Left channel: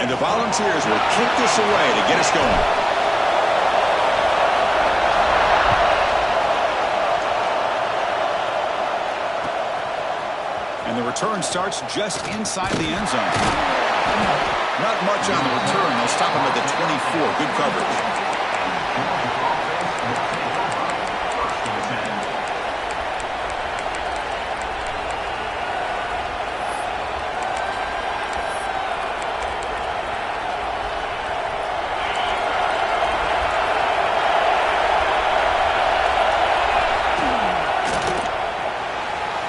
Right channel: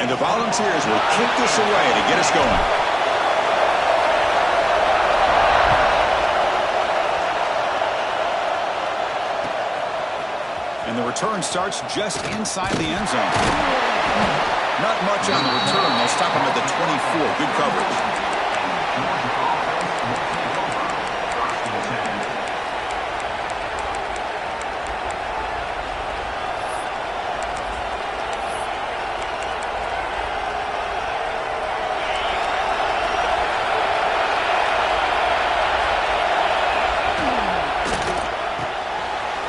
And the Volunteers will kick this away to get us going. And the return starts just inside the end zone. Not much on the return. They'll stop him at the 24. Good coverage.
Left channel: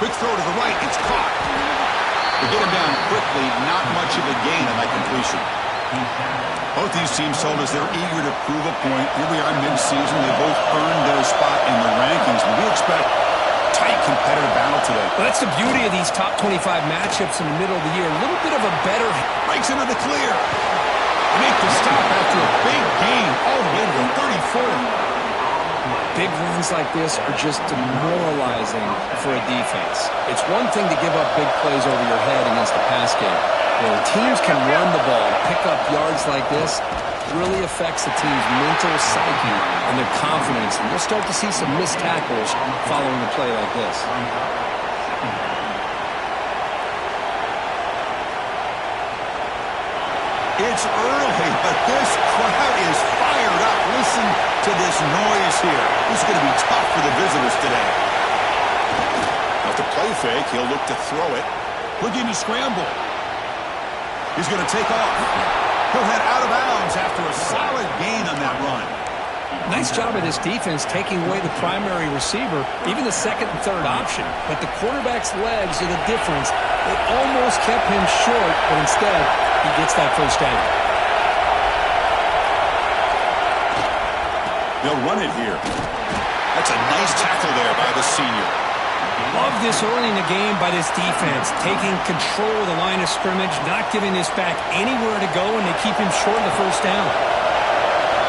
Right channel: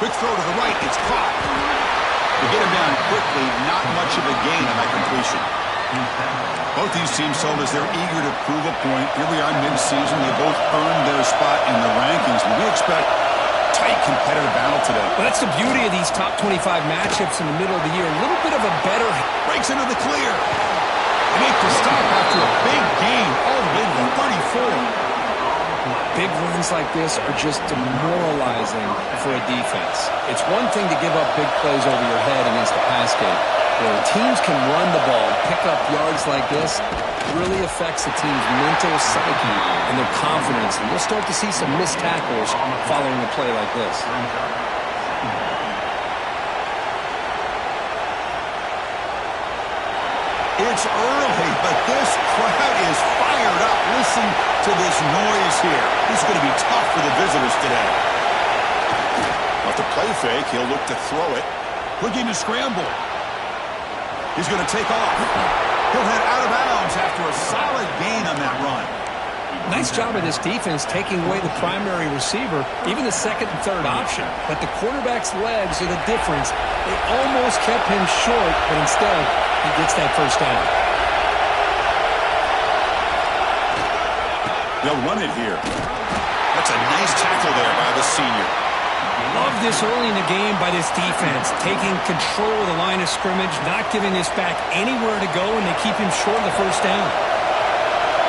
Quick throw to the right. It's caught. To get him down quickly, not much of a gain on that completion. Both these teams told us they're eager to prove a point. Here we are mid-season. They both earned their spot in the rankings. But we expect tight competitive battle today. Well, that's the beauty of these top 25 matchups in the middle of the year. A little bit of a better... Breaks into the clear. They make the stop after a big gain all the way to the 34. Big runs like this are just demoralizing for a defense. It's one thing to give up big plays over your head against the pass game. When teams can run the ball and pick up yards like this, it really affects the team's mental psyche and their confidence. And you'll start to see some missed tackles following a play like this. It's early, but this crowd is fired up. Listen to this noise here. This is going to be tough for the visitors today. Off the play fake, he'll look to throw it. Looking to scramble. He's going to take off. He'll head out of bounds after a solid gain on that run. Nice job of this defense taking away the primary receiver, even the second and third option. But the quarterback's legs are the difference. They almost kept him short, but instead, he gets that first down. They'll run it here. That's a nice tackle there by the senior. Love this early in the game by this defense, taking control of the line of scrimmage, not giving this back anywhere to go, and they keep him short of the first down.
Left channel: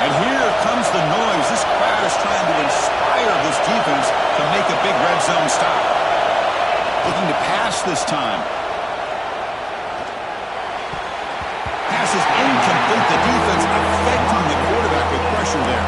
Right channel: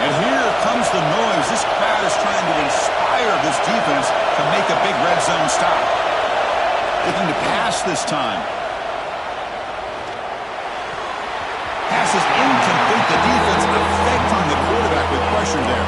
And here comes the noise. This crowd is trying to inspire this defense to make a big red zone stop. Looking to pass this time. Pass is incomplete. The defense affecting the quarterback with pressure there.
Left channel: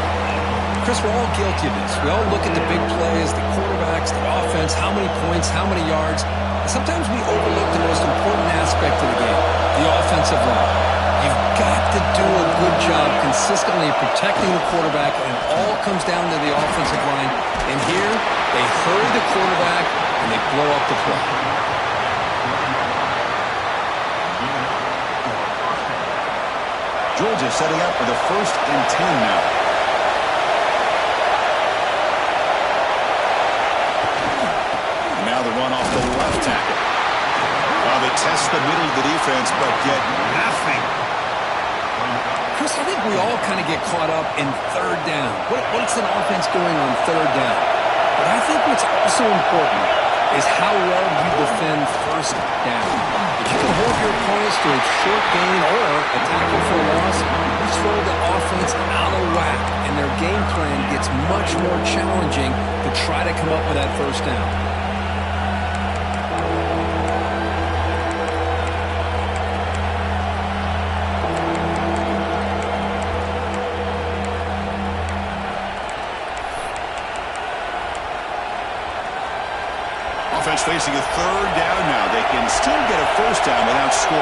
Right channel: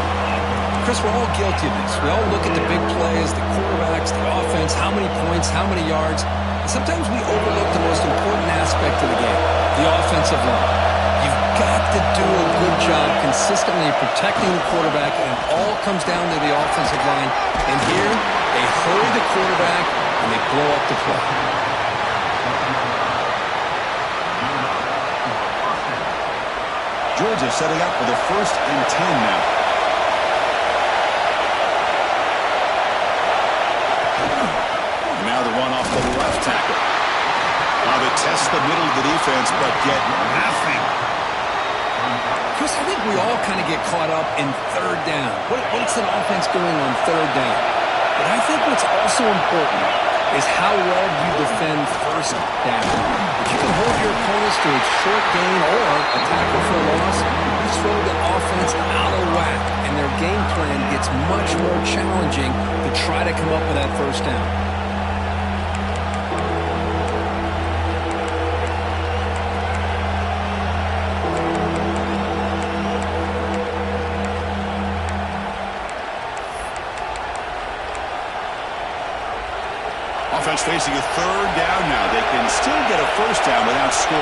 Chris, we're all guilty of this. We all look at the big plays, the quarterbacks, the offense, how many points, how many yards. And sometimes we overlook the most important aspect of the game, the offensive line. You've got to do a good job consistently protecting the quarterback, and it all comes down to the offensive line. And here, they hurry the quarterback, and they blow up the play. Georgia setting up for the 1st and 10 now. And now the run off the left tackle. They test the middle of the defense, but get nothing. Chris, I think we all kind of get caught up in third down. What's an offense doing on third down? But I think what's also important is how well you defend first down. If you can hold your opponents to a short gain or a tackle for a loss, you throw the offense out of whack, and their game plan gets much more challenging to try to come up with that first down. Offense facing a third down now. They can still get a first down without scoring.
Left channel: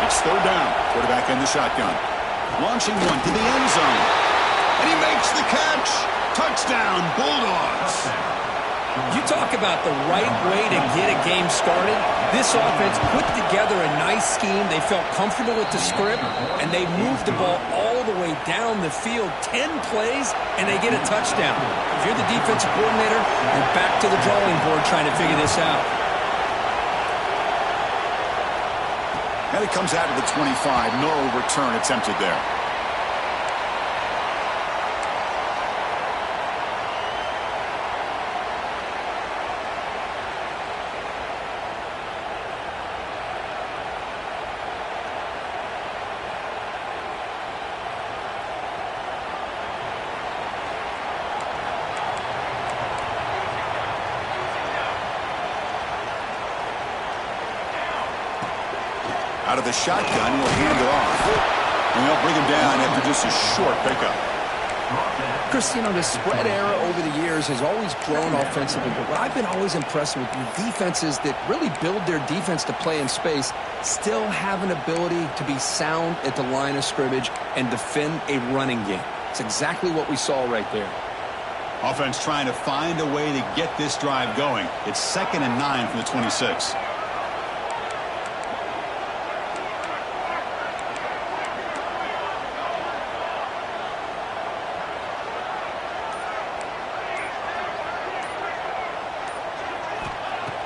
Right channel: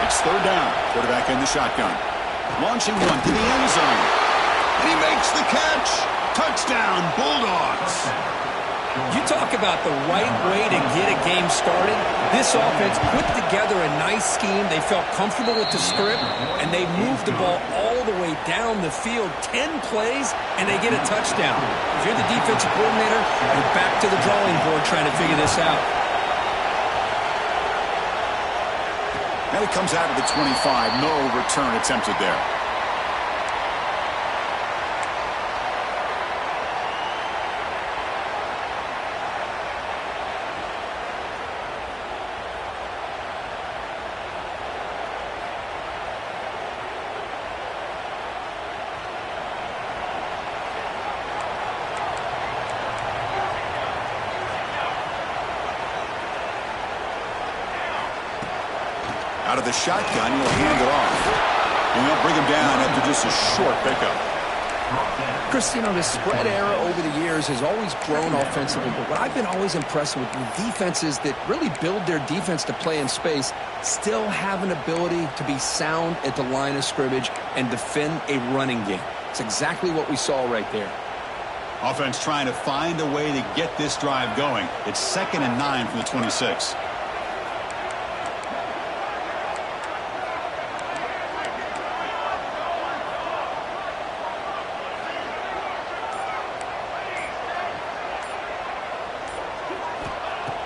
It's third down. Quarterback in the shotgun. Launching one to the end zone. And he makes the catch. Touchdown, Bulldogs. You talk about the right way to get a game started. This offense put together a nice scheme. They felt comfortable with the script, and they moved the ball all the way down the field. 10 plays, and they get a touchdown. If you're the defensive coordinator, you're back to the drawing board trying to figure this out. And it comes out of the 25. No return attempted there. Out of the shotgun, he'll hand it off. And they'll bring him down after just a short pickup. Chris, you know, the spread era over the years has always grown offensively, but what I've been always impressed with defenses that really build their defense to play in space still have an ability to be sound at the line of scrimmage and defend a running game. It's exactly what we saw right there. Offense trying to find a way to get this drive going. It's 2nd and 9 from the 26.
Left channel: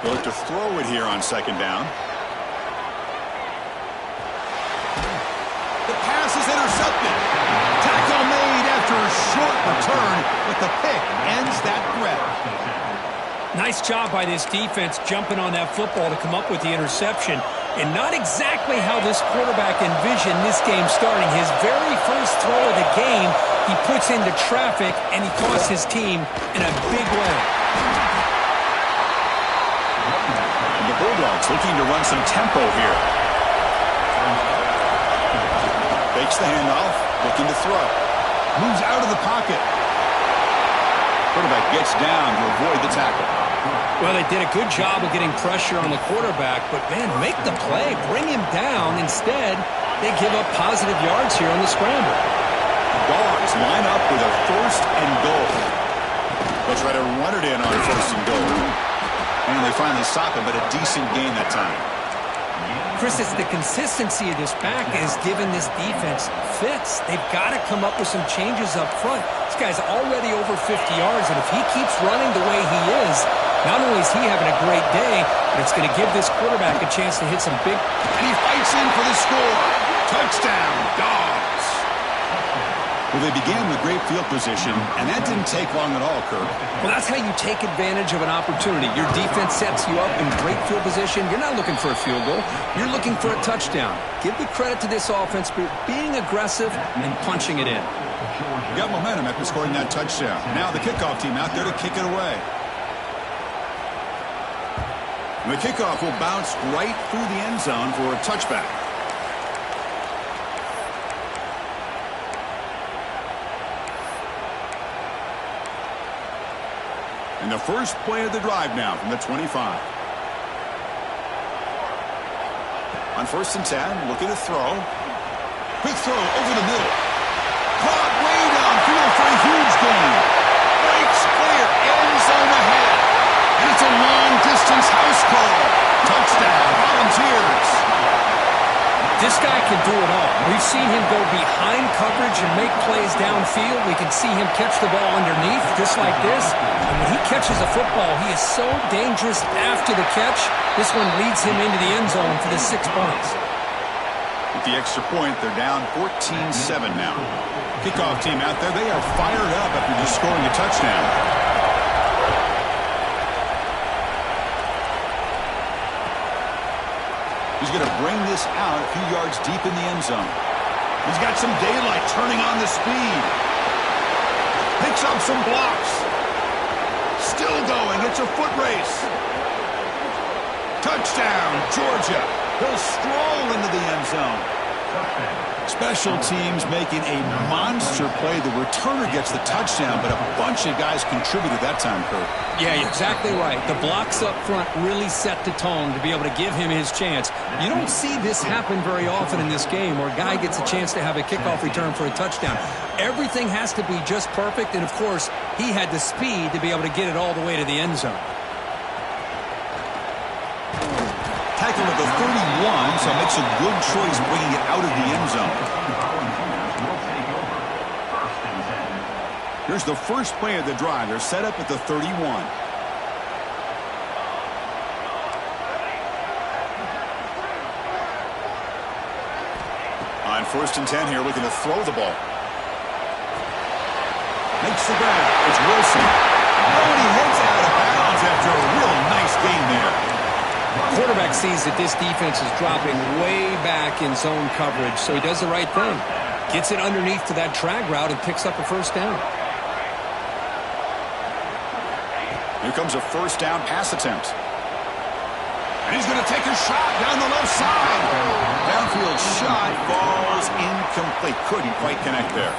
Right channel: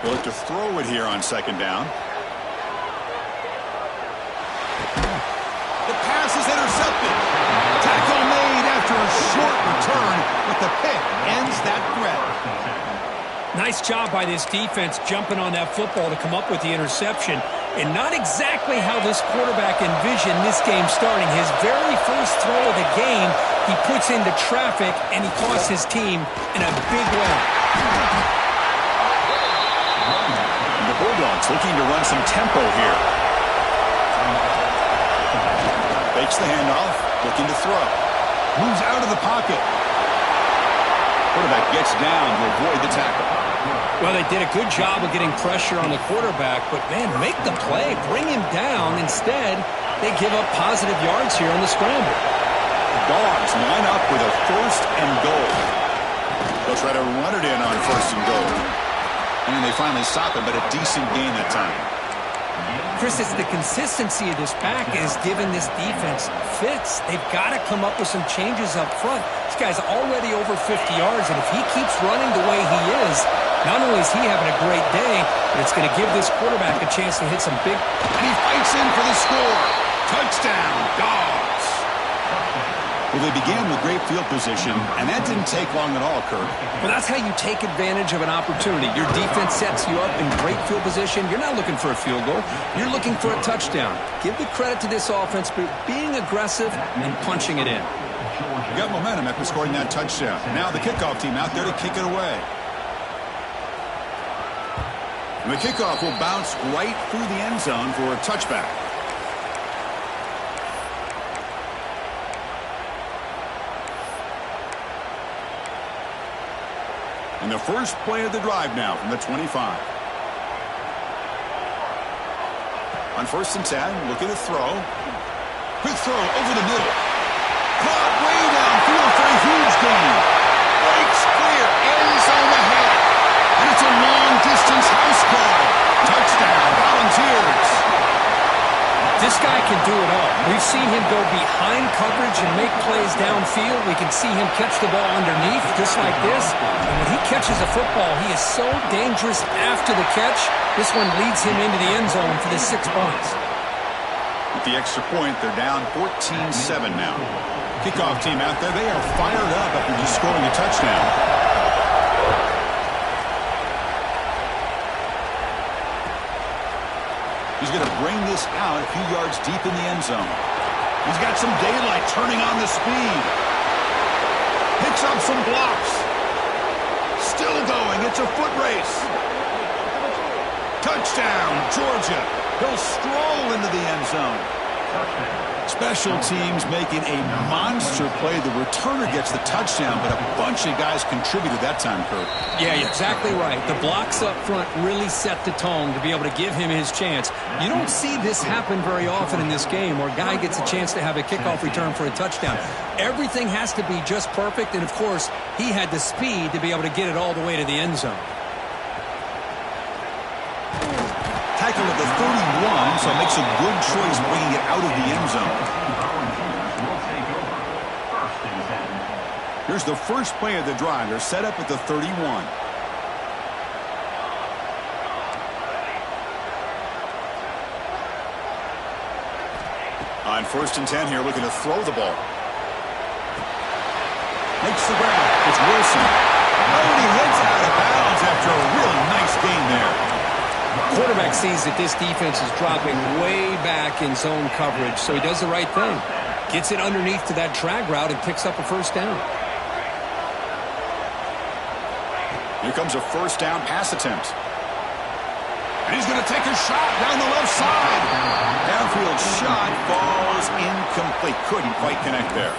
They'll look to throw it here on 2nd down. The pass is intercepted. Tackle made after a short return, but the pick ends that threat. Nice job by this defense jumping on that football to come up with the interception. And not exactly how this quarterback envisioned this game starting. His very first throw of the game, he puts into traffic, and he costs his team in a big way. The Bulldogs looking to run some tempo here. Fakes the handoff, looking to throw. Moves out of the pocket. Quarterback gets down to avoid the tackle. Well, they did a good job of getting pressure on the quarterback, but, man, make the play. Bring him down. Instead, they give up positive yards here on the scramble. The Dogs line up with a 1st and goal. They'll try to run it in on 1st and goal. And they finally stop him, but a decent gain that time. Chris, it's the consistency of this back is giving this defense fits. They've got to come up with some changes up front. This guy's already over 50 yards, and if he keeps running the way he is, not only is he having a great day, but it's going to give this quarterback a chance to hit some big... And he fights in for the score. Touchdown, Dogs. Well, they began with great field position, and that didn't take long at all, Kirk. Well, that's how you take advantage of an opportunity. Your defense sets you up in great field position. You're not looking for a field goal. You're looking for a touchdown. Give the credit to this offense for being aggressive and punching it in. You got momentum after scoring that touchdown. Now the kickoff team out there to kick it away. And the kickoff will bounce right through the end zone for a touchback. And the first play of the drive now from the 25. On 1st and 10, looking to throw. Quick throw over the middle. Caught way downfield for a huge gain. Breaks clear, end zone ahead. And it's a long-distance house call. Touchdown, Volunteers. This guy can do it all. We've seen him go behind coverage and make plays downfield. We can see him catch the ball underneath just like this. And when he catches a football, he is so dangerous after the catch. This one leads him into the end zone for the 6 points. With the extra point, they're down 14-7 now. Kickoff team out there, they are fired up after just scoring a touchdown. He's going to bring this out a few yards deep in the end zone. He's got some daylight turning on the speed. Picks up some blocks. Still going. It's a foot race. Touchdown, Georgia. He'll stroll into the end zone. Special teams making a monster play. The returner gets the touchdown, but a bunch of guys contributed that time, Kirk. Yeah, you're exactly right. The blocks up front really set the tone to be able to give him his chance. You don't see this happen very often in this game where a guy gets a chance to have a kickoff return for a touchdown. Everything has to be just perfect, and, of course, he had the speed to be able to get it all the way to the end zone. Tackle at the 31, so makes a good choice bringing it out of the end zone. Here's the first play of the drive. They're set up at the 31. On 1st and 10 here, looking to throw the ball. Makes the grab. It's Wilson. Oh, and he heads out of bounds after a real nice gain there. Quarterback sees that this defense is dropping way back in zone coverage, so he does the right thing. Gets it underneath to that drag route and picks up a 1st down. Here comes a 1st down pass attempt. And he's going to take a shot down the left side. Downfield shot falls incomplete. Couldn't quite connect there.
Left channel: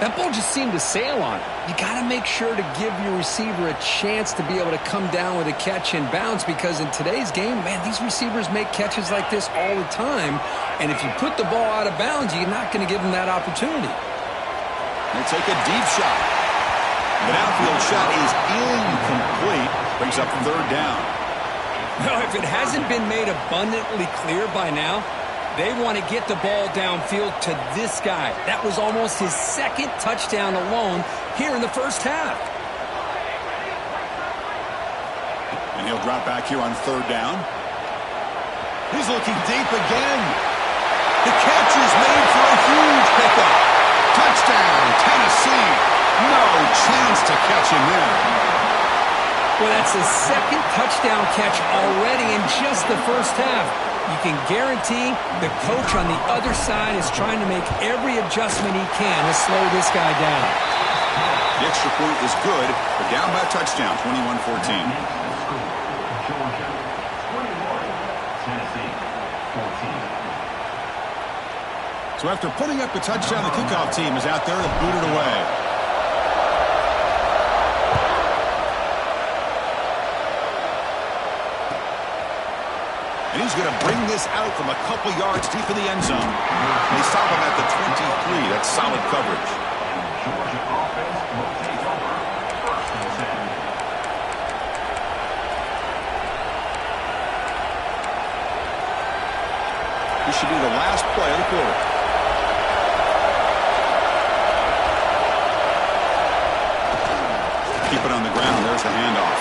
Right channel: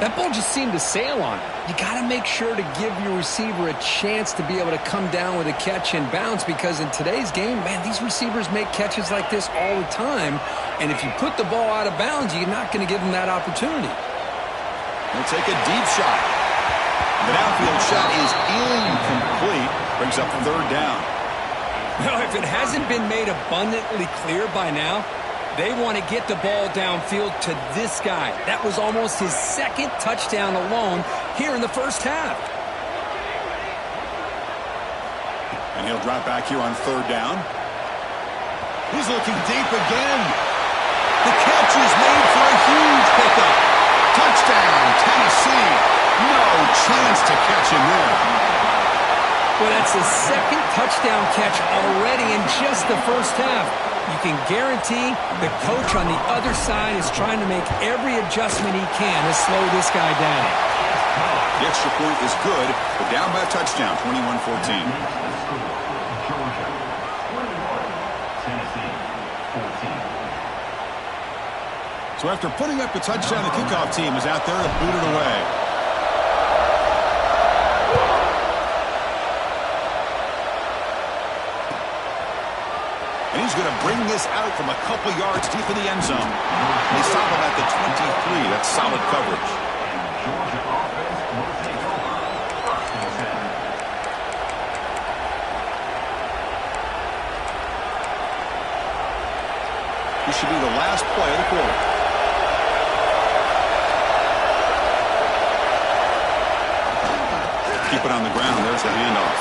That ball just seemed to sail on it. You got to make sure to give your receiver a chance to be able to come down with a catch and bounce, because in today's game, man, these receivers make catches like this all the time. And if you put the ball out of bounds, you're not going to give them that opportunity. He'll take a deep shot. The downfield shot is incomplete. Brings up third down. Well, if it hasn't been made abundantly clear by now, they want to get the ball downfield to this guy. That was almost his second touchdown alone here in the first half. And he'll drop back here on third down. He's looking deep again. The catch is made for a huge pickup. Touchdown, Tennessee. No chance to catch him there. Well, that's the second touchdown catch already in just the first half. You can guarantee the coach on the other side is trying to make every adjustment he can to slow this guy down. The extra point is good, but down by a touchdown, 21-14. Georgia, 21, Tennessee, 14. So after putting up a touchdown, the kickoff team is out there to boot it away. And he's going to bring this out from a couple yards deep in the end zone. They stop him at the 23. That's solid coverage. And Georgia offense will take over first and 10. This should be the last play of the quarter. Keep it on the ground. There's the handoff.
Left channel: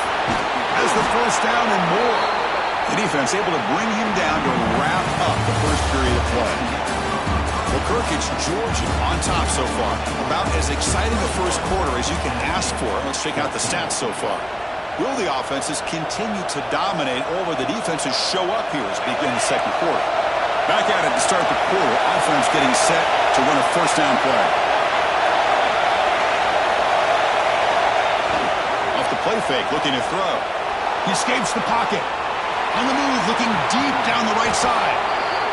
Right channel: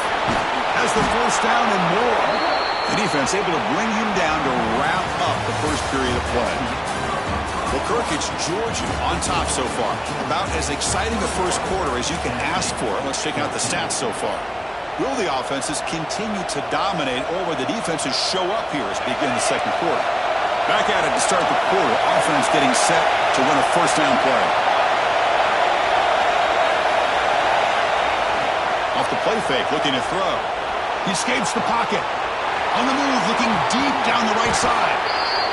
Has the first down and more. The defense able to bring him down to wrap up the first period of play. Well, Kirk, it's Georgia on top so far. About as exciting a first quarter as you can ask for. Let's check out the stats so far. Will the offenses continue to dominate, or will the defenses show up here as we begin the second quarter? Back at it to start the quarter. Offense getting set to run a first down play. Off the play fake, looking to throw. He escapes the pocket. On the move, looking deep down the right side.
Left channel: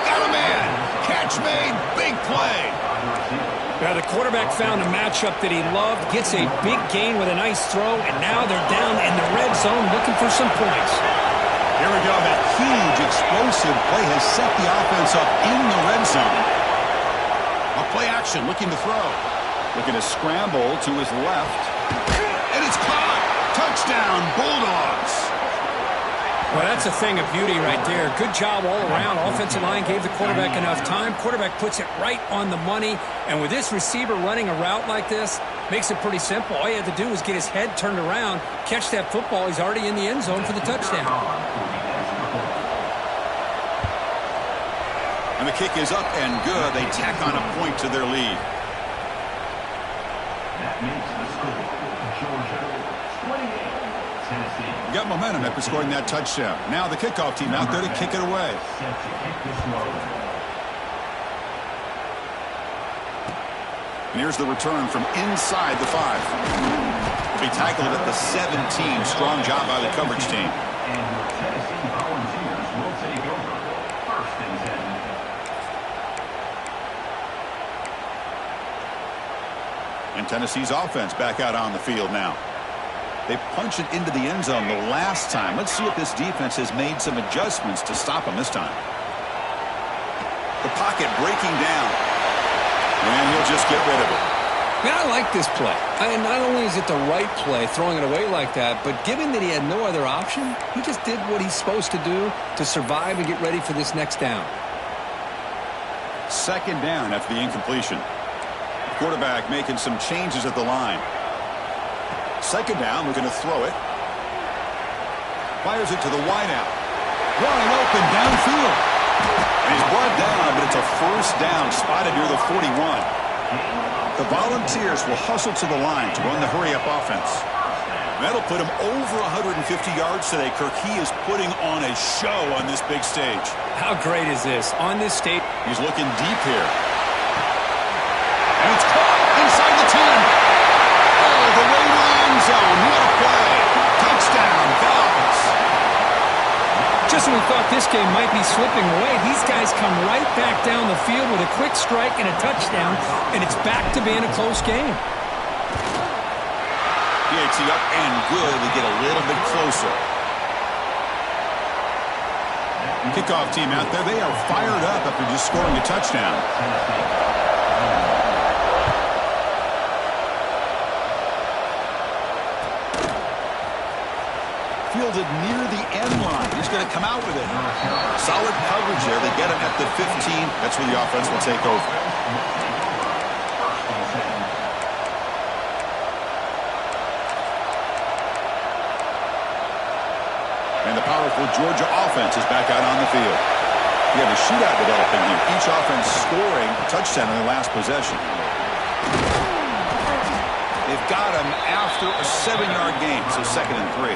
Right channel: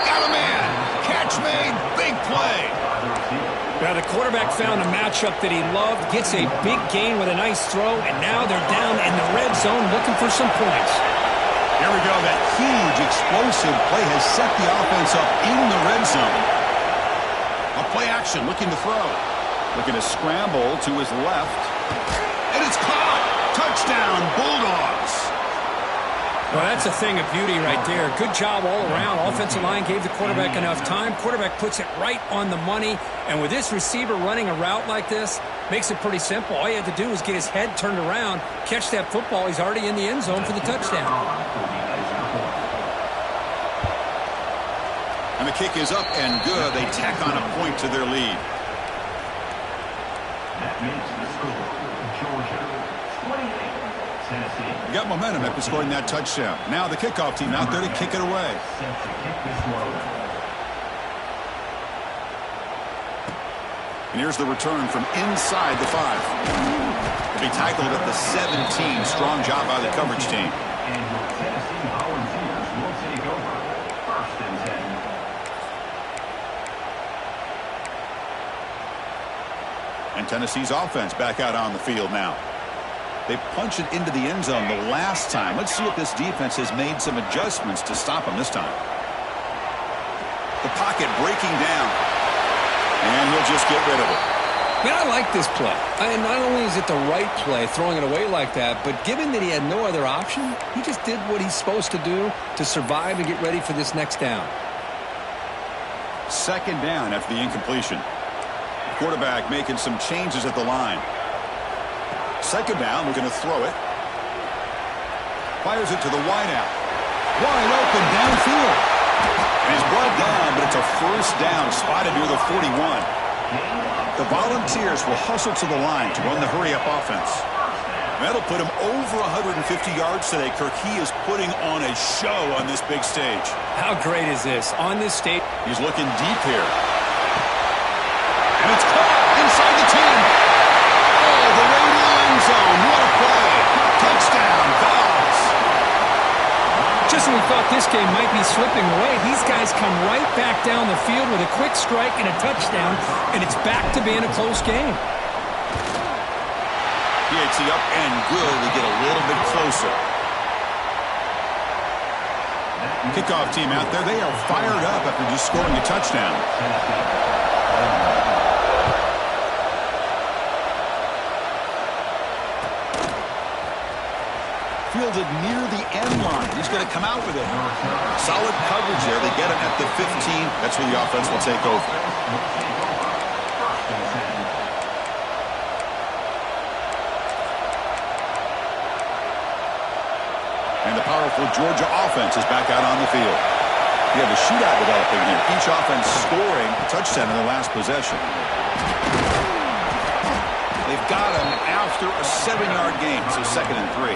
Got a man. Catch made. Big play. Now the quarterback found a matchup that he loved, gets a big gain with a nice throw, and now they're down in the red zone looking for some points. Here we go. That huge explosive play has set the offense up in the red zone. A play action, looking to throw. Looking to scramble to his left. And it's caught. Touchdown, Bulldogs. Well, that's a thing of beauty right there. Good job all around. Offensive line gave the quarterback enough time. Quarterback puts it right on the money. And with this receiver running a route like this, makes it pretty simple. All you have to do is get his head turned around, catch that football. He's already in the end zone for the touchdown. And the kick is up and good. They tack on a point to their lead. That makes the score Georgia 28. Tennessee. Got momentum after scoring that touchdown. Now the kickoff team out there to kick it away. Set to kick this one away. And here's the return from inside the 5. To be tackled at the 17. Strong job by the coverage team. And your Tennessee Volunteers will take over first and 10. And Tennessee's offense back out on the field now. They punch it into the end zone the last time. Let's see if this defense has made some adjustments to stop them this time. The pocket breaking down. And he'll just get rid of it. Man, I like this play. And not only is it the right play, throwing it away like that, but given that he had no other option, he just did what he's supposed to do to survive and get ready for this next down. Second down after the incompletion. The quarterback making some changes at the line. Second down, looking to throw it. Fires it to the wideout. Wide open downfield. And he's brought down, but it's a first down spotted near the 41. The Volunteers will hustle to the line to run the hurry-up offense. That'll put him over 150 yards today, Kirk. He is putting on a show on this big stage. How great is this? On this stage. He's looking deep here. And it's caught inside the 10. Oh, the way to the end zone. What a play. Touchdown, Vols. Just when we thought this game might be slipping away, these guys come right back down the field with a quick strike and a touchdown, and it's back to being a close game. PAT up and good to get a little bit closer. Kickoff team out there. They are fired up after just scoring a touchdown. Fielded near the end line. He's going to come out with it. Solid coverage there. They get him at the 15. That's where the offense will take over. And the powerful Georgia offense is back out on the field. You have a shootout developing here. Each offense scoring a touchdown in their last possession. They've got him after a 7-yard gain, so 2nd and 3.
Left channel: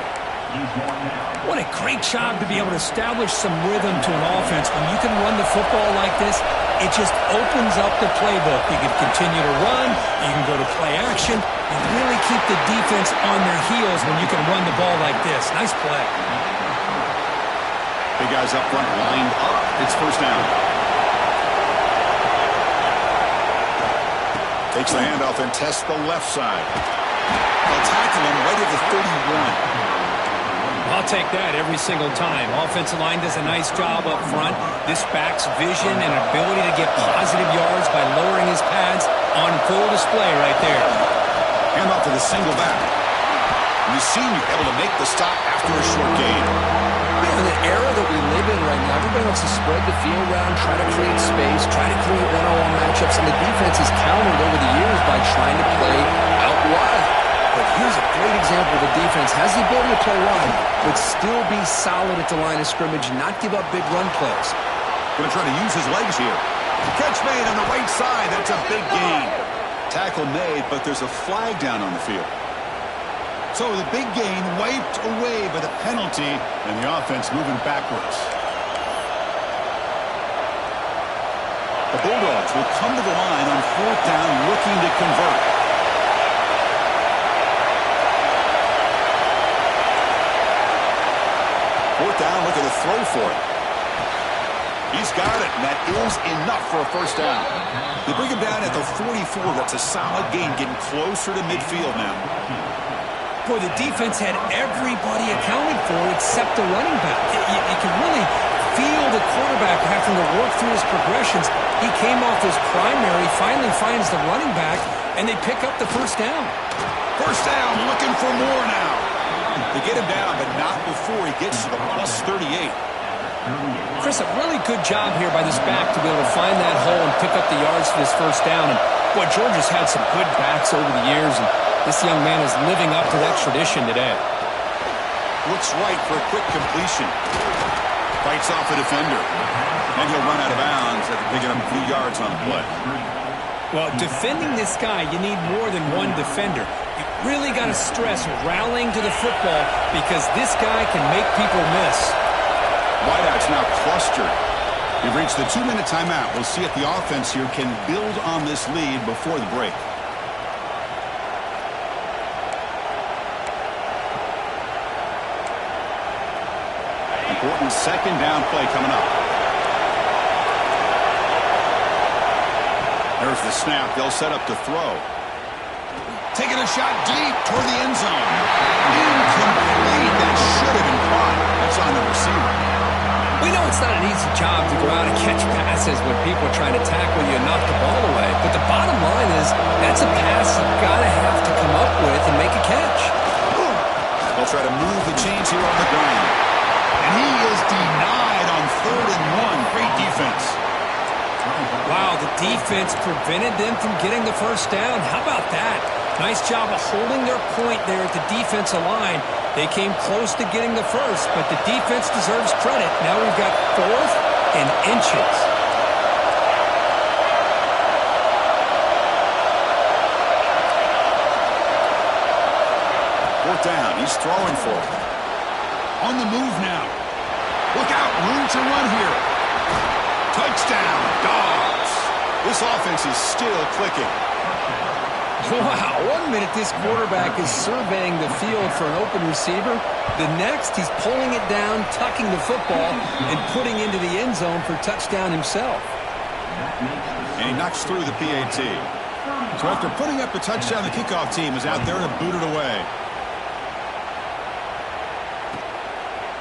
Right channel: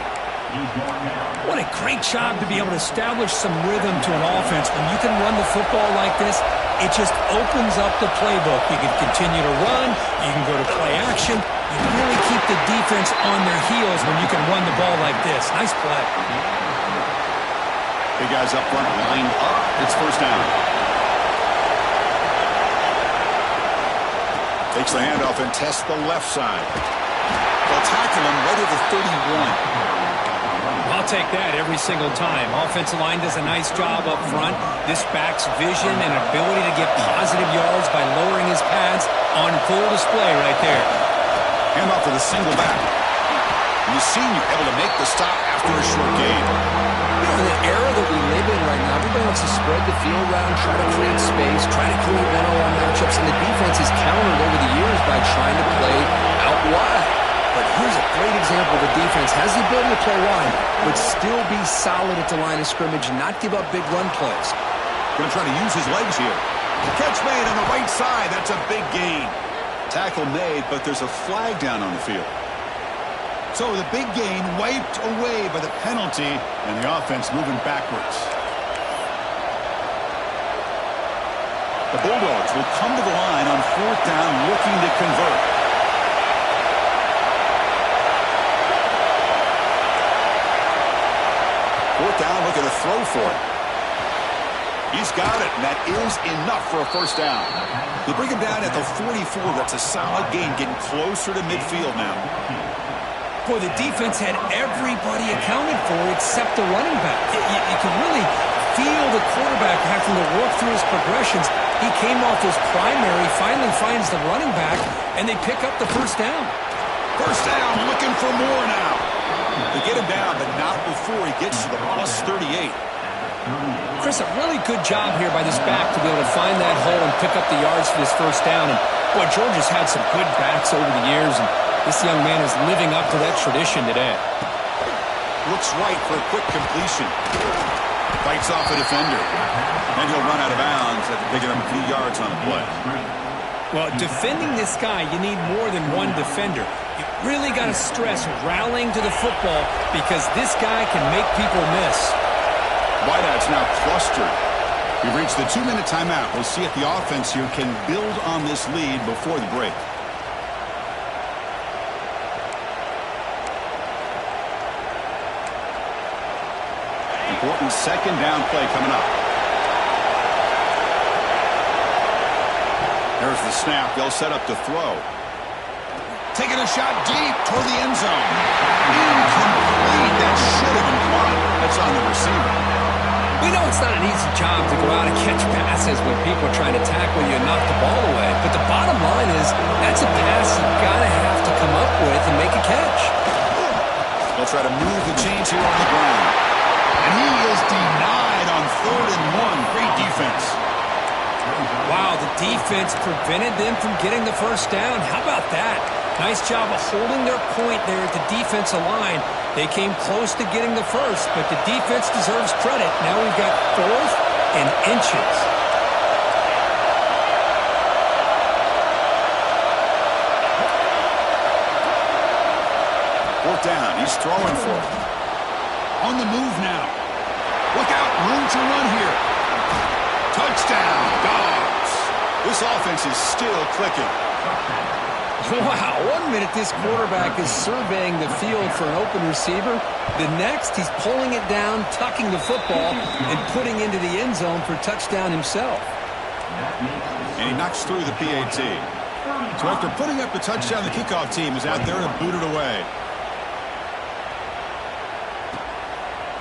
What a great job to be able to establish some rhythm to an offense. When you can run the football like this, it just opens up the playbook. You can continue to run. You can go to play action. You really keep the defense on their heels when you can run the ball like this. Nice play. Big guys up front lined up. It's first down. Takes the handoff and tests the left side. They'll tackle him right at the 31. I'll take that every single time. Offensive line does a nice job up front. This back's vision and ability to get positive yards by lowering his pads on full display right there. Handoff to the single back. And the senior able to make the stop after a short gain. In the era that we live in right now, everybody wants to spread the field around, try to create space, try to create one-on-one matchups, and the defense is countered over the years by trying to play out wide. But here's a great example. The defense has the ability to play wide, but still be solid at the line of scrimmage and not give up big run plays. Going to try to use his legs here. The catch made on the right side. That's a big gain. Tackle made, but there's a flag down on the field. So the big gain wiped away by the penalty, and the offense moving backwards. The Bulldogs will come to the line on 4th down looking to convert. Fourth down, looking to throw for it. He's got it, and that is enough for a first down. They bring him down at the 44. That's a solid gain, getting closer to midfield now. Boy, the defense had everybody accounted for except the running back. You can really feel the quarterback having to work through his progressions. He came off his primary, finally finds the running back, and they pick up the first down. First down, looking for more now. They get him down, but not before he gets to the plus 38. Chris, a really good job here by this back to be able to find that hole and pick up the yards for this first down. And, boy, Georgia's had some good backs over the years, and this young man is living up to that tradition today. Looks right for a quick completion. Fights off a defender. And he'll run out of bounds after picking up a few yards on the play. Well, defending this guy, you need more than one defender. You really got to stress rallying to the football because this guy can make people miss. Wideouts now clustered. We've reached the 2-minute timeout. We'll see if the offense here can build on this lead before the break. Important second down play coming up. There's the snap. They'll set up to throw. Taking a shot deep toward the end zone. Incomplete. That should have been caught. That's on the receiver. We know it's not an easy job to go out and catch passes when people are trying to tackle you and knock the ball away. But the bottom line is that's a pass you've got to have to come up with and make a catch. They'll try to move the chains here on the ground. And he is denied on 3rd and 1. Great defense. Wow, the defense prevented them from getting the first down. How about that? Nice job of holding their point there at the defensive line. They came close to getting the first, but the defense deserves credit. Now we've got 4th and inches. Fourth down. He's throwing for it. On the move now. Look out. Room to run here. Touchdown, Dogs. This offense is still clicking. Wow, 1 minute this quarterback is surveying the field for an open receiver. The next, he's pulling it down, tucking the football, and putting into the end zone for touchdown himself. And he knocks through the PAT. So after putting up the touchdown, the kickoff team is out there to boot it away.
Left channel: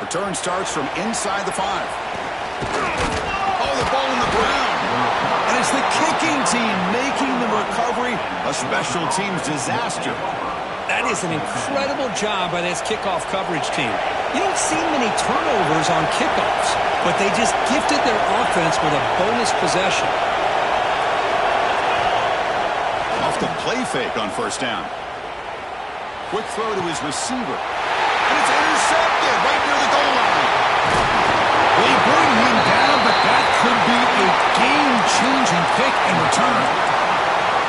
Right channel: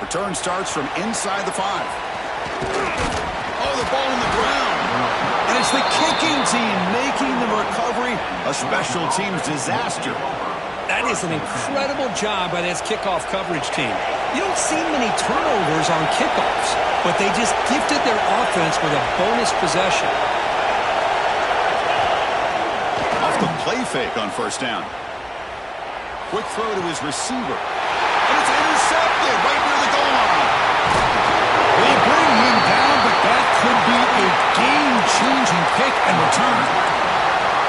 Return starts from inside the 5. Oh, the ball on the ground. And it's the kicking team making the recovery a special teams disaster. That is an incredible job by this kickoff coverage team. You don't see many turnovers on kickoffs, but they just gifted their offense with a bonus possession. Off the play fake on first down. Quick throw to his receiver. And it's intercepted right near the goal line. They bring him down, but that could be a game-changing pick and return.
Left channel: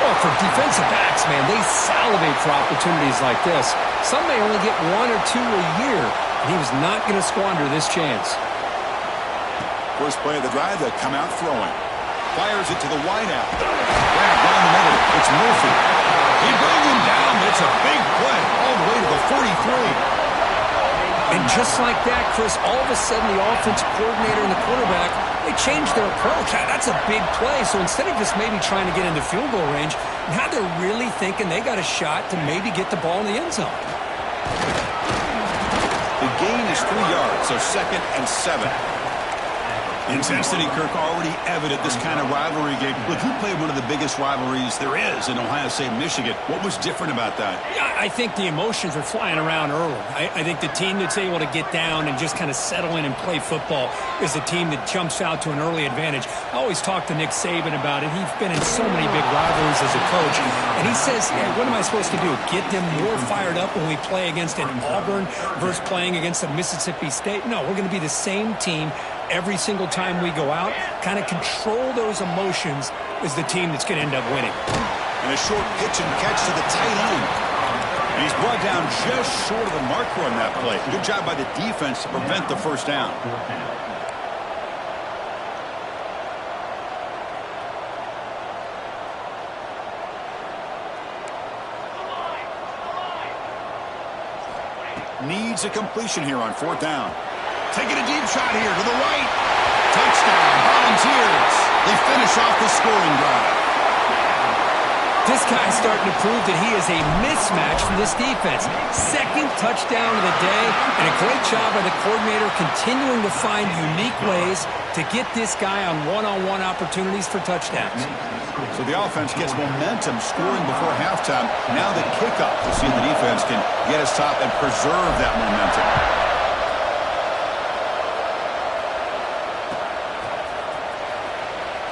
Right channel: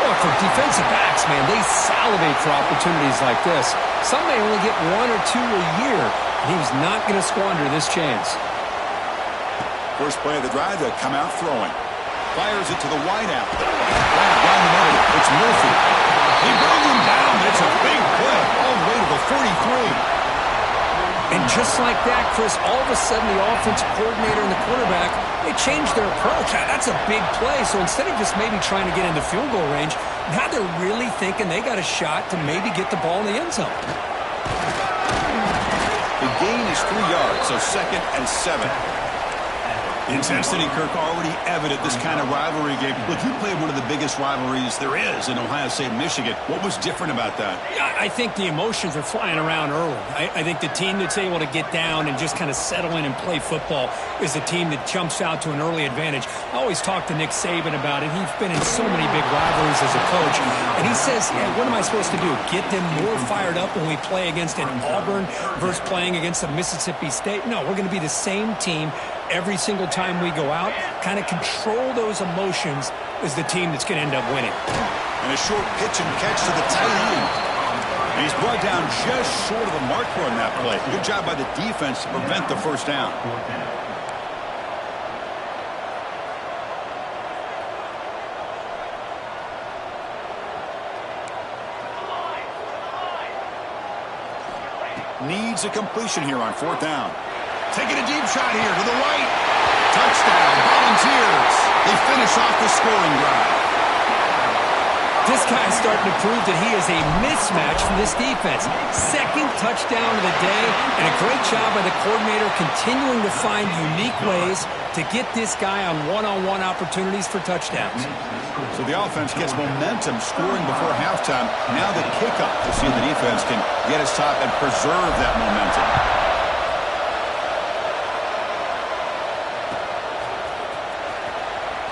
Well, for defensive backs, man, they salivate for opportunities like this. Some may only get 1 or 2 a year, and he was not going to squander this chance. First play of the drive, they come out throwing. Fires it to the wideout. Grab down the middle. It's Murphy. He brings him down, but it's a big play all the way to the 43. And just like that, Chris, all of a sudden the offensive coordinator and the quarterback, they changed their approach. That's a big play. So instead of just maybe trying to get into field goal range, now they're really thinking they got a shot to maybe get the ball in the end zone. The gain is 3 yards, so 2nd and 7. Intensity, Kirk, already evident this kind of rivalry game. Look, you played one of the biggest rivalries there is in Ohio State, Michigan. What was different about that? Yeah, I think the emotions are flying around early. I think the team that's able to get down and just kind of settle in and play football is the team that jumps out to an early advantage. I always talk to Nick Saban about it. He's been in so many big rivalries as a coach. And he says, yeah, what am I supposed to do? Get them more fired up when we play against an Auburn versus playing against a Mississippi State? No, we're going to be the same team every single time we go out. Kind of control those emotions is the team that's going to end up winning. And a short pitch and catch to the tight end. And he's brought down just short of the marker on that play. Good job by the defense to prevent the first down. Needs a completion here on 4th down. Taking a deep shot here to the right. Touchdown, Volunteers. They finish off the scoring drive. This guy's starting to prove that he is a mismatch for this defense. 2nd touchdown of the day, and a great job by the coordinator continuing to find unique ways to get this guy on one-on-one opportunities for touchdowns. So the offense gets momentum scoring before halftime. Now the kickoff to see if the defense can get us top and preserve that momentum.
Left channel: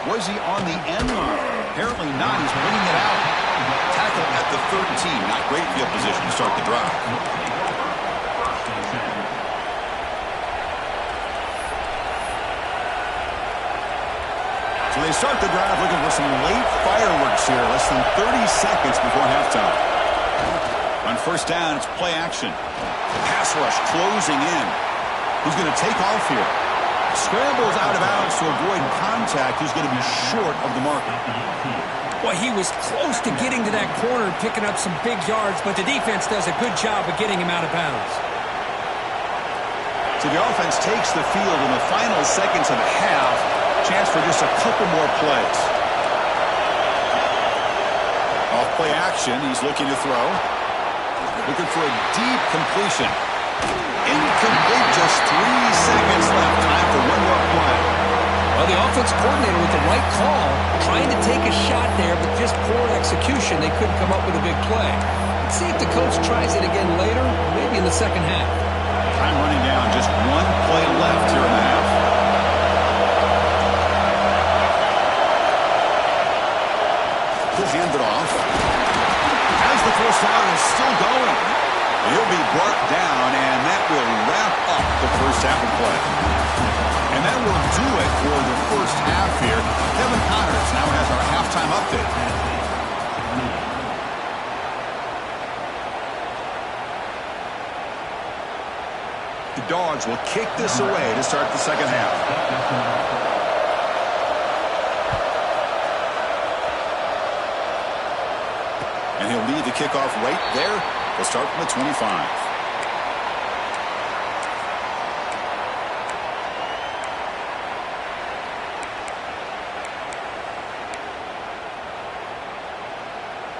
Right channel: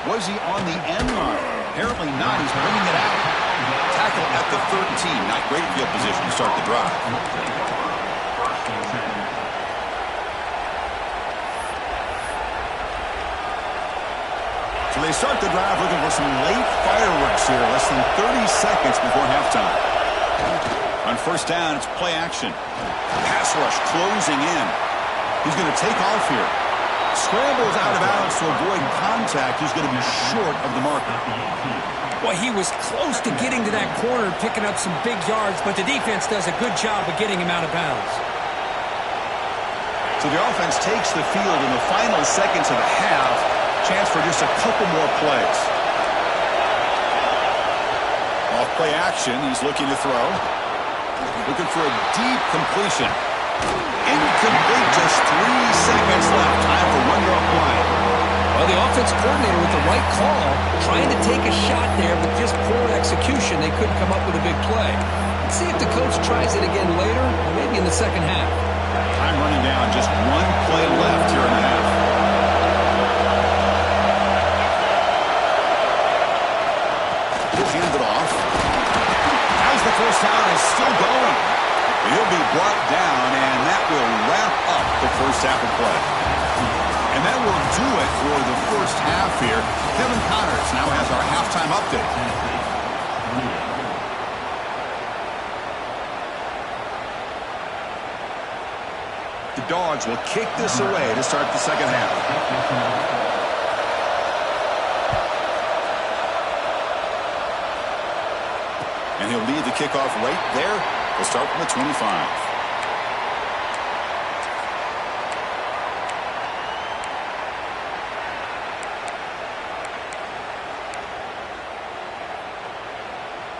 Was he on the end line? Apparently not. He's bringing it out. Tackle at the 13. Not great field position to start the drive. So they start the drive looking for some late fireworks here. Less than 30 seconds before halftime. On first down, it's play action. Pass rush closing in. He's going to take off here. Scrambles out of bounds to avoid contact. He's going to be short of the marker. Well, he was close to getting to that corner, picking up some big yards, but the defense does a good job of getting him out of bounds. So the offense takes the field in the final seconds of the half. Chance for just a couple more plays. Off play action, he's looking to throw. Looking for a deep completion. Incomplete, just 3 seconds left. Time for one more play. Well, the offense coordinator with the right call, trying to take a shot there, but just poor execution. They couldn't come up with a big play. Let's see if the coach tries it again later, or maybe in the second half. Time running down, just 1 play left here in the half. He'll hand it off. As the first down is still going. He'll be brought down, and that will wrap up the first half of play. And that will do it for the first half here. Kevin Connors now has our halftime update. The Dogs will kick this away to start the second half. And And he'll lead the kickoff right there. He'll start from the 25.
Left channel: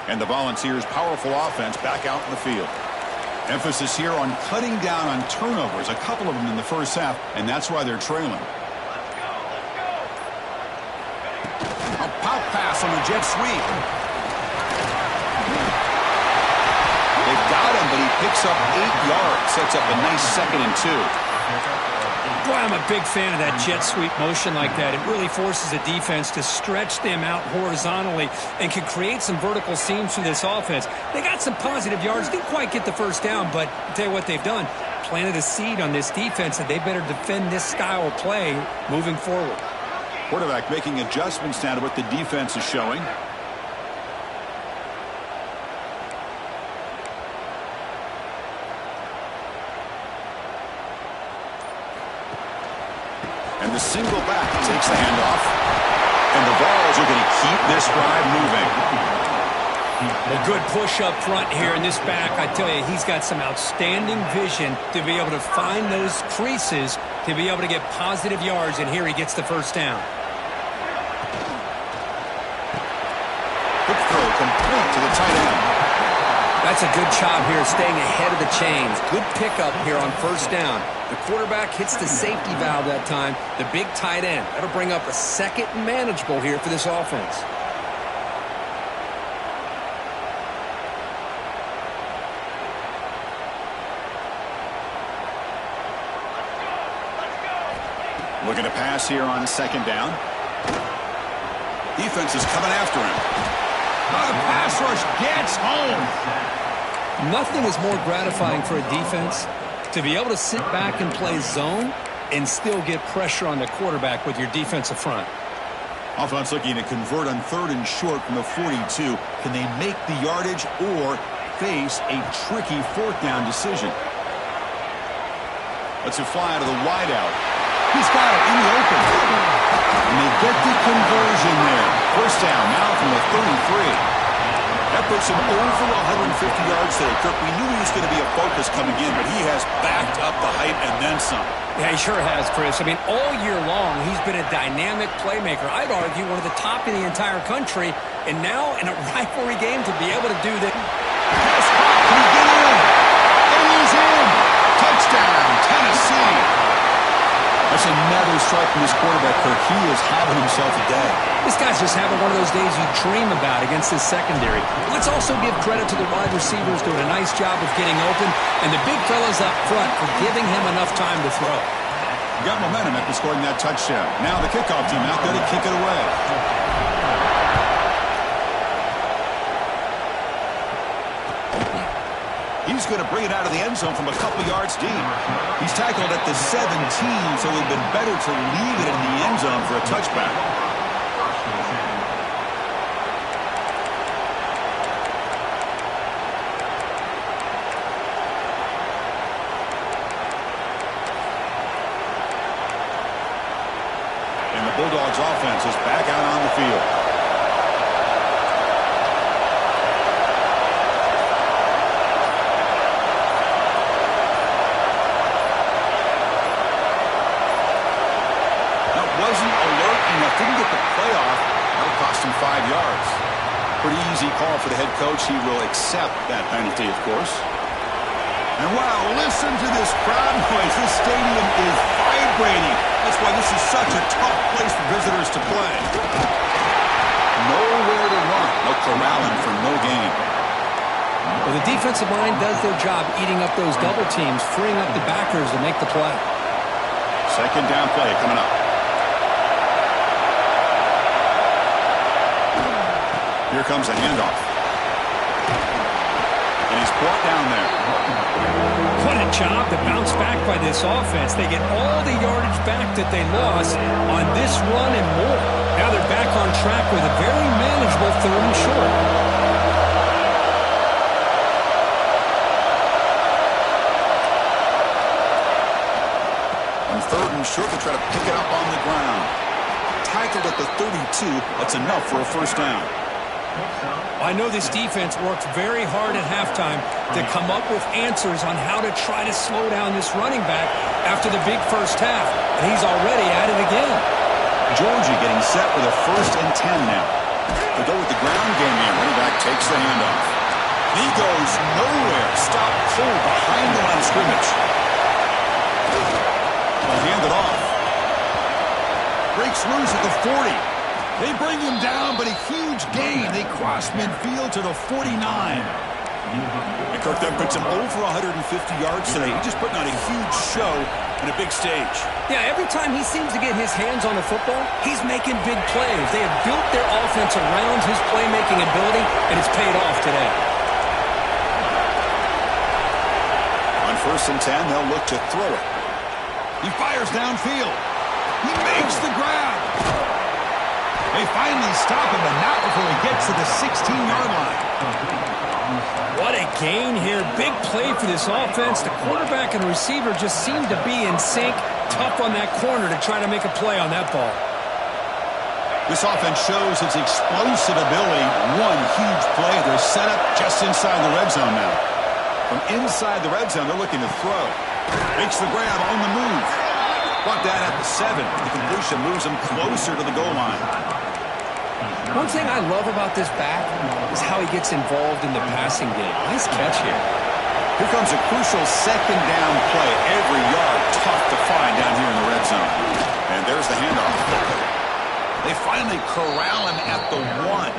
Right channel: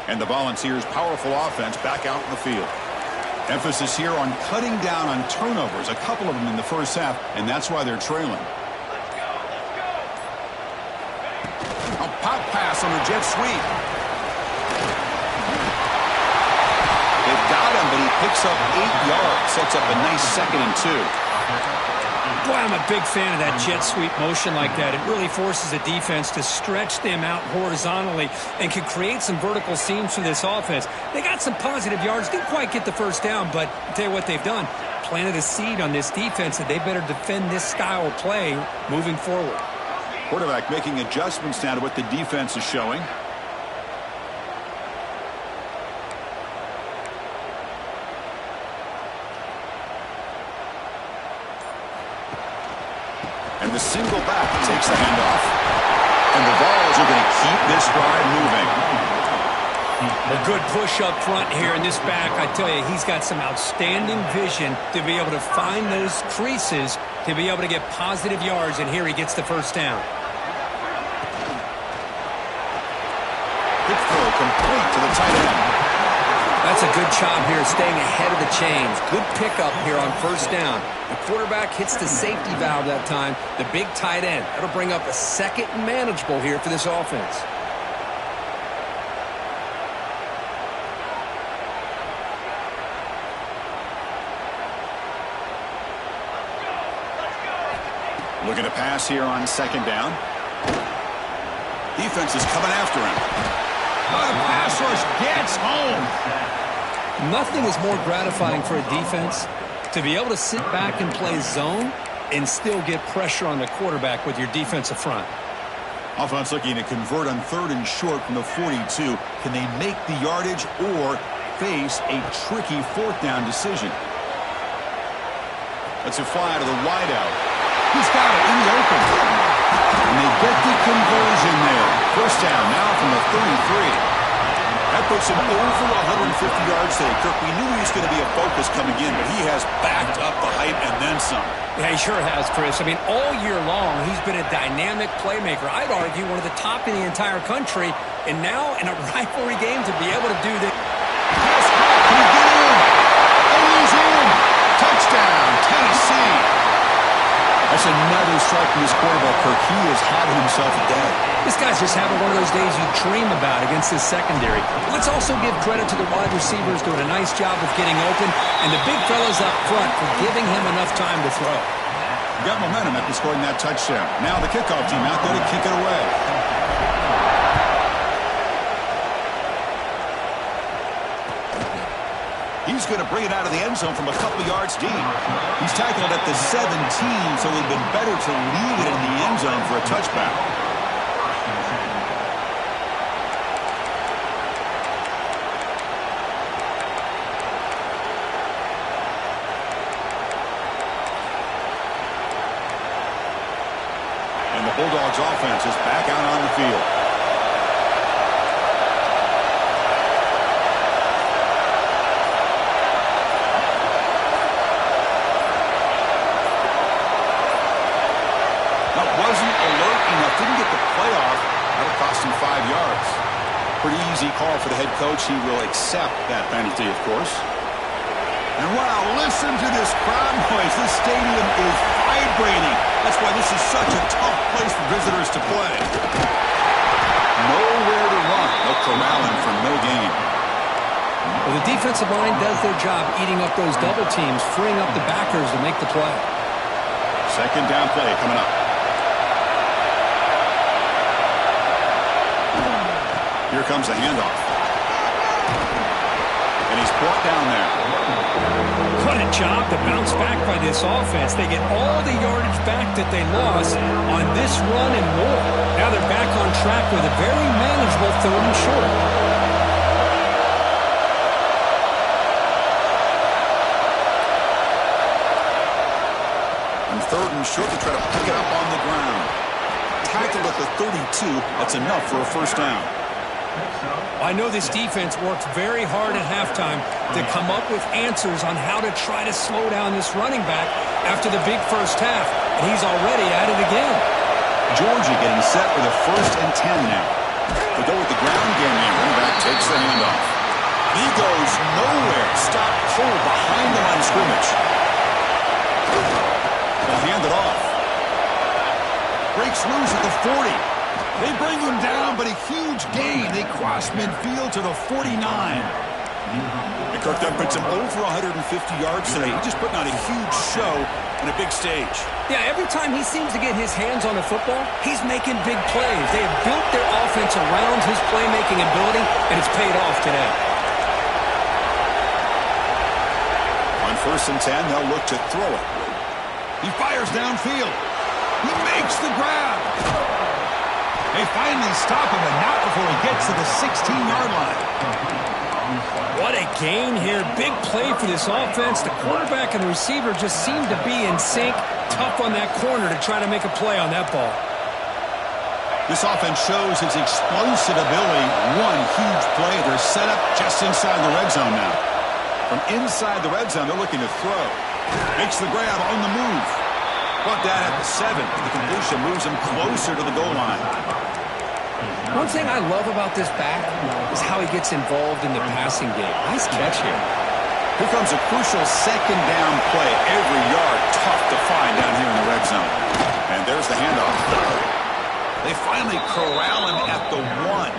And the Volunteers' powerful offense back out in the field. Emphasis here on cutting down on turnovers, a couple of them in the first half, and that's why they're trailing. Let's go, let's go. A pop pass on the jet sweep. They've got him, but he picks up 8 yards, sets up a nice 2nd and 2. Boy, I'm a big fan of that jet sweep motion like that. It really forces a defense to stretch them out horizontally and can create some vertical seams for this offense. They got some positive yards, didn't quite get the first down, but I'll tell you what they've done. Planted a seed on this defense that they better defend this style of play moving forward. Quarterback making adjustments now to what the defense is showing. And the single back takes the handoff. And the Vols are going to keep this drive moving. A good push up front here in this back. I tell you, he's got some outstanding vision to be able to find those creases, to be able to get positive yards, and here he gets the first down. Quick throw complete to the tight end. That's a good job here staying ahead of the chains. Good pickup here on first down. The quarterback hits the safety valve that time. The big tight end. That'll bring up a 2nd and manageable here for this offense. Looking to pass here on 2nd down. Defense is coming after him. Oh, the pass rush gets home. Nothing is more gratifying for a defense to be able to sit back and play zone and still get pressure on the quarterback with your defensive front. Offense looking to convert on 3rd and short from the 42. Can they make the yardage or face a tricky 4th down decision? Let's it fly out of the wideout. He's got it in the open. And they get the conversion there. First down now from the 33. That puts him over 150 yards today. Kirk, we knew he was going to be a focus coming in, but he has backed up the hype and then some. Yeah, he sure has, Chris. I mean, all year long, he's been a dynamic playmaker. I'd argue one of the top in the entire country. And now in a rivalry game to be able to do this. Pass caught. Can he get in? And he's in. Touchdown, Tennessee. That's another strike from this quarterback, Kirk. He has had himself a day. This guy's just having one of those days you dream about against his secondary. But let's also give credit to the wide receivers doing a nice job of getting open, and the big fellas up front for giving him enough time to throw. Got momentum after scoring that touchdown. Now the kickoff team out there to kick it away. He's going to bring it out of the end zone from a couple yards deep. He's tackled at the 17, so it would have been better to leave it in the end zone for a touchback. And the Bulldogs offense is back out on the field. Wasn't alert enough, didn't get the playoff. That'll cost him 5 yards. Pretty easy call for the head coach. He will accept that penalty, of course. And wow, listen to this crowd noise. This stadium is vibrating. That's why this is such a tough place for visitors to play. Nowhere to run. They'll corral him for no gain. Well, the defensive line does their job eating up those double teams, freeing up the backers to make the play. 2nd down play coming up. Here comes a handoff. And he's brought down there. What a job to bounce back by this offense. They get all the yardage back that they lost on this run and more. Now they're back on track with a very manageable 3rd and short. On 3rd and short, they try to pick it up on the ground. Tackled at the 32. That's enough for a first down. I know this defense worked very hard at halftime to come up with answers on how to try to slow down this running back after the big first half, and he's already at it again. Georgia getting set with a 1st and 10 now. They go with the ground game here. Running back takes the handoff. He goes nowhere. Stop cold behind the line of scrimmage. They'll hand it off. Breaks loose at the 40. They bring him down, but a huge gain. They cross midfield to the 49. And Kirk then puts him over 150 yards today. He's just putting on a huge show on a big stage. Yeah, every time he seems to get his hands on the football, he's making big plays. They have built their offense around his playmaking ability, and it's paid off today. On 1st and 10, they'll look to throw it. He fires downfield. He makes the grab. They finally stop him, but not before he gets to the 16-yard line. What a gain here. Big play for this offense. The quarterback and receiver just seem to be in sync. Tough on that corner to try to make a play on that ball. This offense shows its explosive ability. One huge play. They're set up just inside the red zone now. From inside the red zone, they're looking to throw. Makes the grab on the move. Brought that at the 7. The completion moves him closer to the goal line. One thing I love about this back is how he gets involved in the passing game. Nice catch here. Here comes a crucial 2nd down play. Every yard tough to find down here in the red zone. And there's the handoff. They finally corral him at the 1.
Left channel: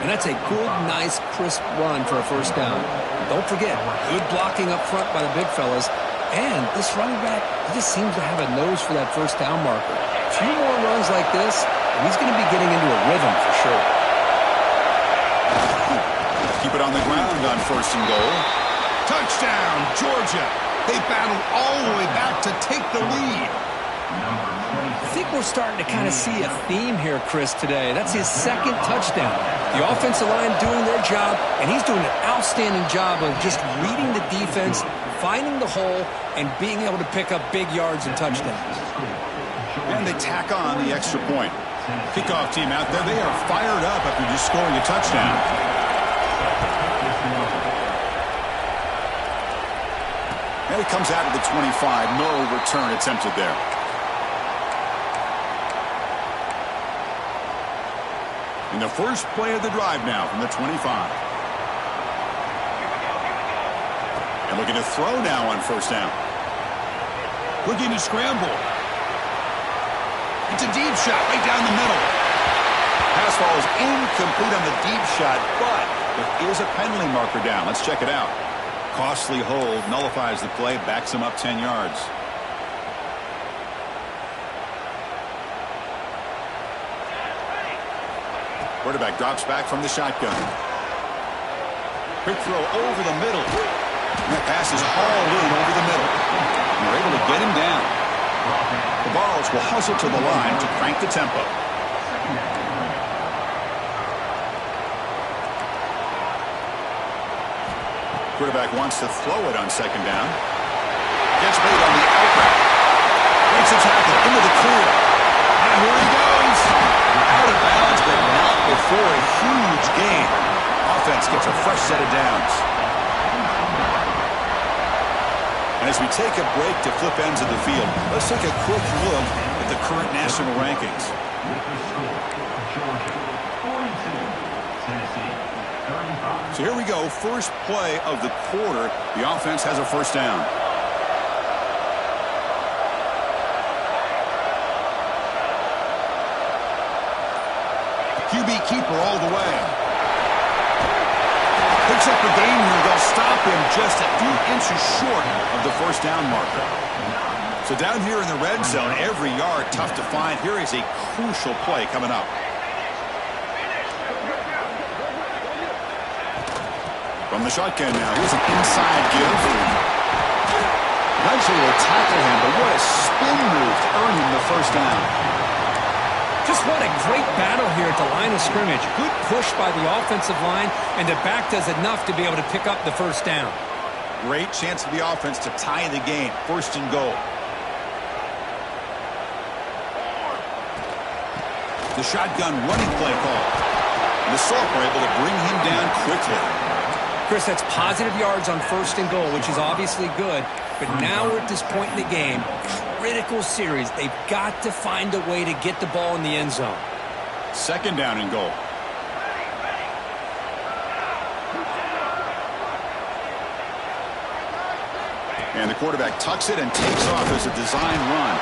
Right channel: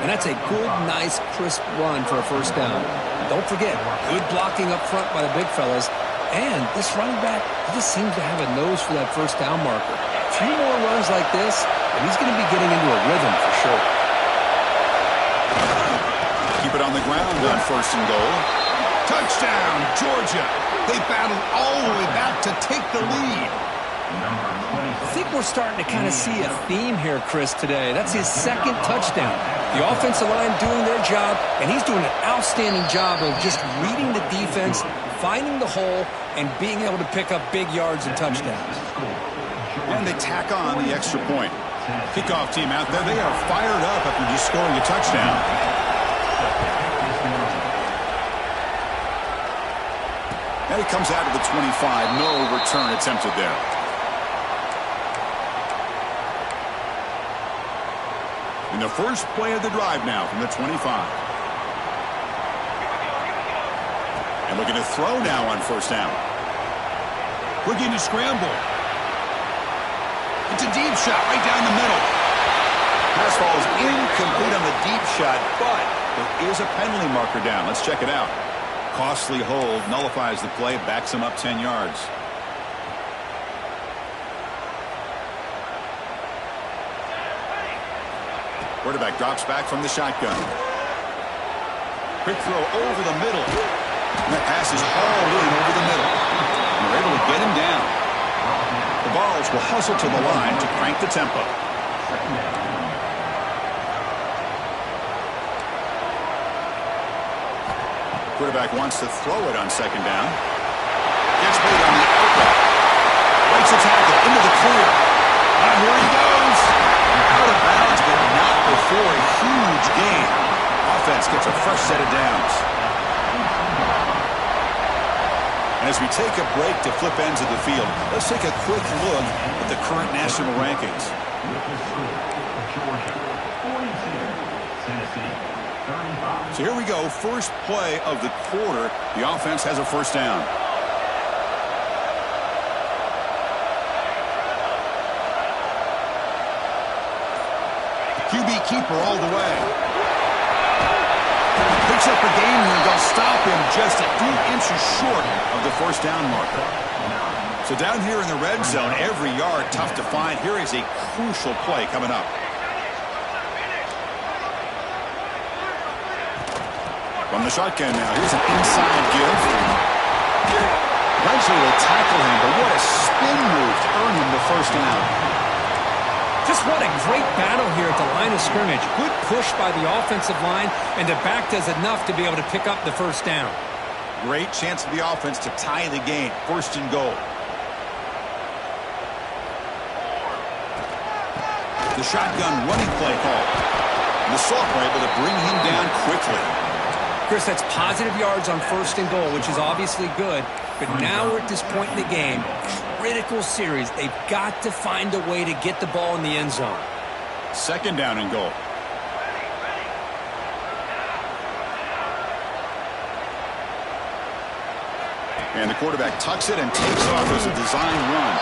And that's a good, nice, crisp run for a 1st down. Don't forget, good blocking up front by the big fellas. And this running back, he just seems to have a nose for that 1st down marker. A few more runs like this, and he's going to be getting into a rhythm for sure. Keep it on the ground on 1st and goal. Touchdown, Georgia. They battled all the way back to take the lead. I think we're starting to kind of see a theme here, Chris, today. That's his 2nd touchdown. The offensive line doing their job, and he's doing an outstanding job of just reading the defense, finding the hole, and being able to pick up big yards and touchdowns. And they tack on the extra point. Kickoff team out there, they are fired up after just scoring a touchdown. And it comes out to the 25. No return attempted there. In the first play of the drive now from the 25. And looking to throw now on 1st down. Looking to scramble. It's a deep shot right down the middle. Pass falls incomplete on the deep shot, but there is a penalty marker down. Let's check it out. Costly hold, nullifies the play, backs him up 10 yards. Quarterback drops back from the shotgun. Quick throw over the middle. And that pass is hauled in over the middle. And they're able to get him down. The Vols will hustle to the line to crank the tempo. Quarterback wants to throw it on 2nd down. Gets made on the out route. Breaks a tackle into the clear. And here he goes. Out of bounds, but not before a huge gain. Offense gets a fresh set of downs. And as we take a break to flip ends of the field, let's take a quick look at the current national rankings. Georgia 42, Tennessee 35. So here we go, first play of the quarter. The offense has a 1st down. QB keeper all the way. Picks up a gain here. They'll stop him just a few inches short of the 1st down marker. So down here in the red zone, every yard tough to find. Here is a crucial play coming up. From the shotgun now, here's an inside give. Eventually will tackle him, but what a spin move to earn him the 1st down. Just what a great battle here at the line of scrimmage. Good push by the offensive line, and the back does enough to be able to pick up the 1st down. Great chance for the offense to tie the game. 1st and goal. The shotgun running play call. the sophomore able to bring him down quickly. Chris, that's positive yards on 1st and goal, which is obviously good. But now we're at this point in the game, critical series. They've got to find a way to get the ball in the end zone. 2nd down and goal. And the quarterback tucks it and takes off as a design run.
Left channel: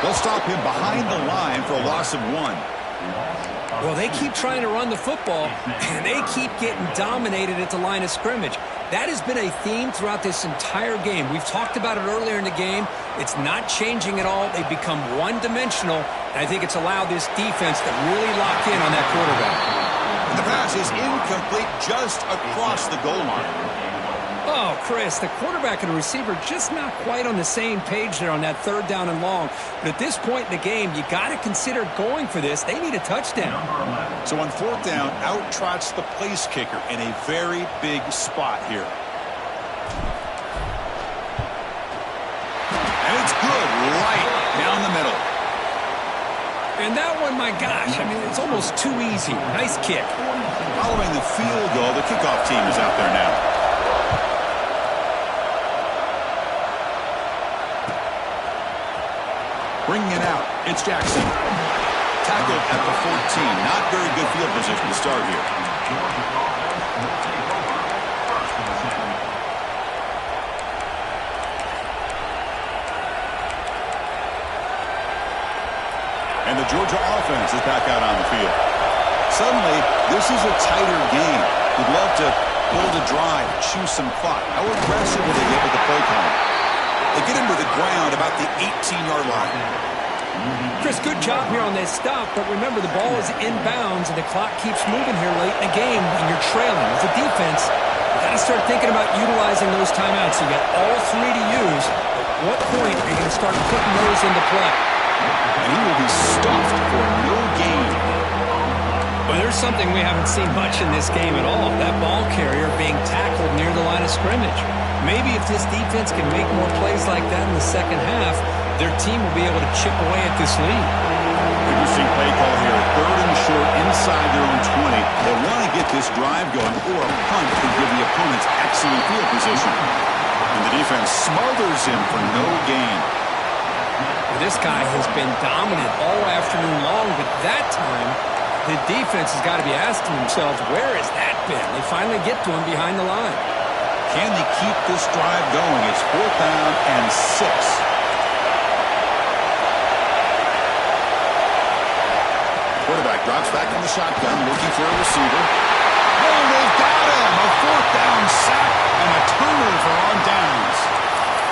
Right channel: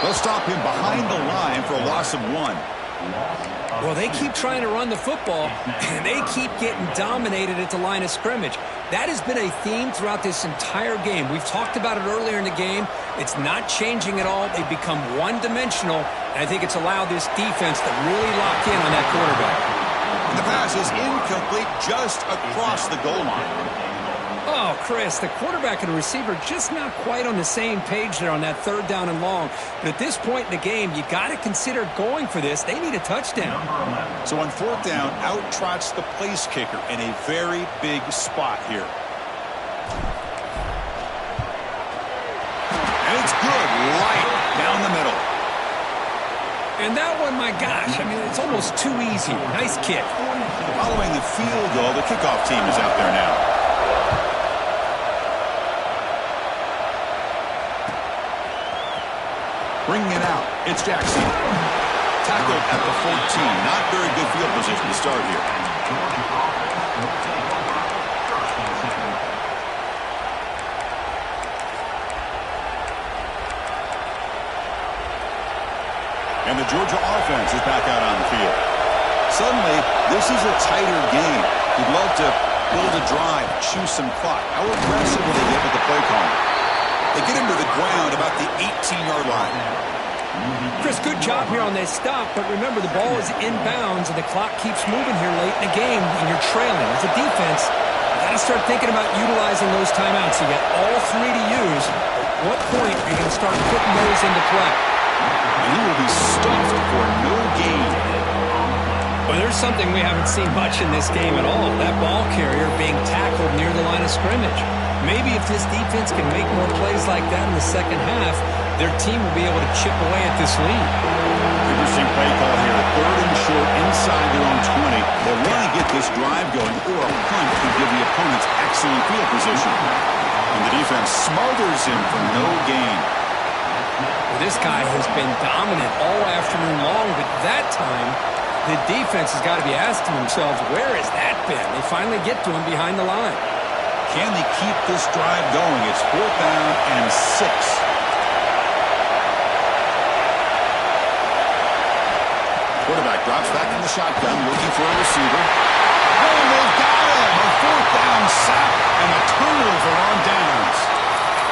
They'll stop him behind the line for a loss of 1. Well, they keep trying to run the football, and they keep getting dominated at the line of scrimmage. That has been a theme throughout this entire game. We've talked about it earlier in the game. It's not changing at all. They've become one-dimensional, and I think it's allowed this defense to really lock in on that quarterback. And the pass is incomplete just across the goal line. Oh, Chris, the quarterback and the receiver just not quite on the same page there on that 3rd down and long. But at this point in the game, you got to consider going for this. They need a touchdown. So on 4th down, out trots the place kicker in a very big spot here. And it's good right down the middle. And that one, my gosh, I mean, it's almost too easy. Nice kick. Following the field goal, the kickoff team is out there now. Bringing it out, it's Jackson. Tackled at the 14. Not very good field position to start here. Georgia offense will take over 1st and 7. And the Georgia offense is back out on the field. Suddenly, this is a tighter game. We'd love to build a drive, choose some clock. How aggressive will they get with the play calling? They get him to the ground about the 18-yard line. Chris, good job here on that stop, but remember the ball is inbounds and the clock keeps moving here late in the game and you're trailing. As a defense, you got to start thinking about utilizing those timeouts. You got all 3 to use. At what point are you going to start putting those into play? And he will be stuffed for no gain. Well, there's something we haven't seen much in this game at all. That ball carrier being tackled near the line of scrimmage. Maybe if this defense can make more plays like that in the 2nd half, their team will be able to chip away at this lead. Interesting play call here. 3rd and short inside their own 20. They want to get this drive going, or a punt could give the opponents excellent field position. And the defense smothers him for no gain. Well, this guy has been dominant all afternoon long, but that time, the defense has got to be asking themselves, where has that been? They finally get to him behind the line. Can they keep this drive going? It's 4th down and 6. Quarterback drops back in the shotgun, looking for a receiver. Oh, they've got him! A 4th down sack and a turnover on downs.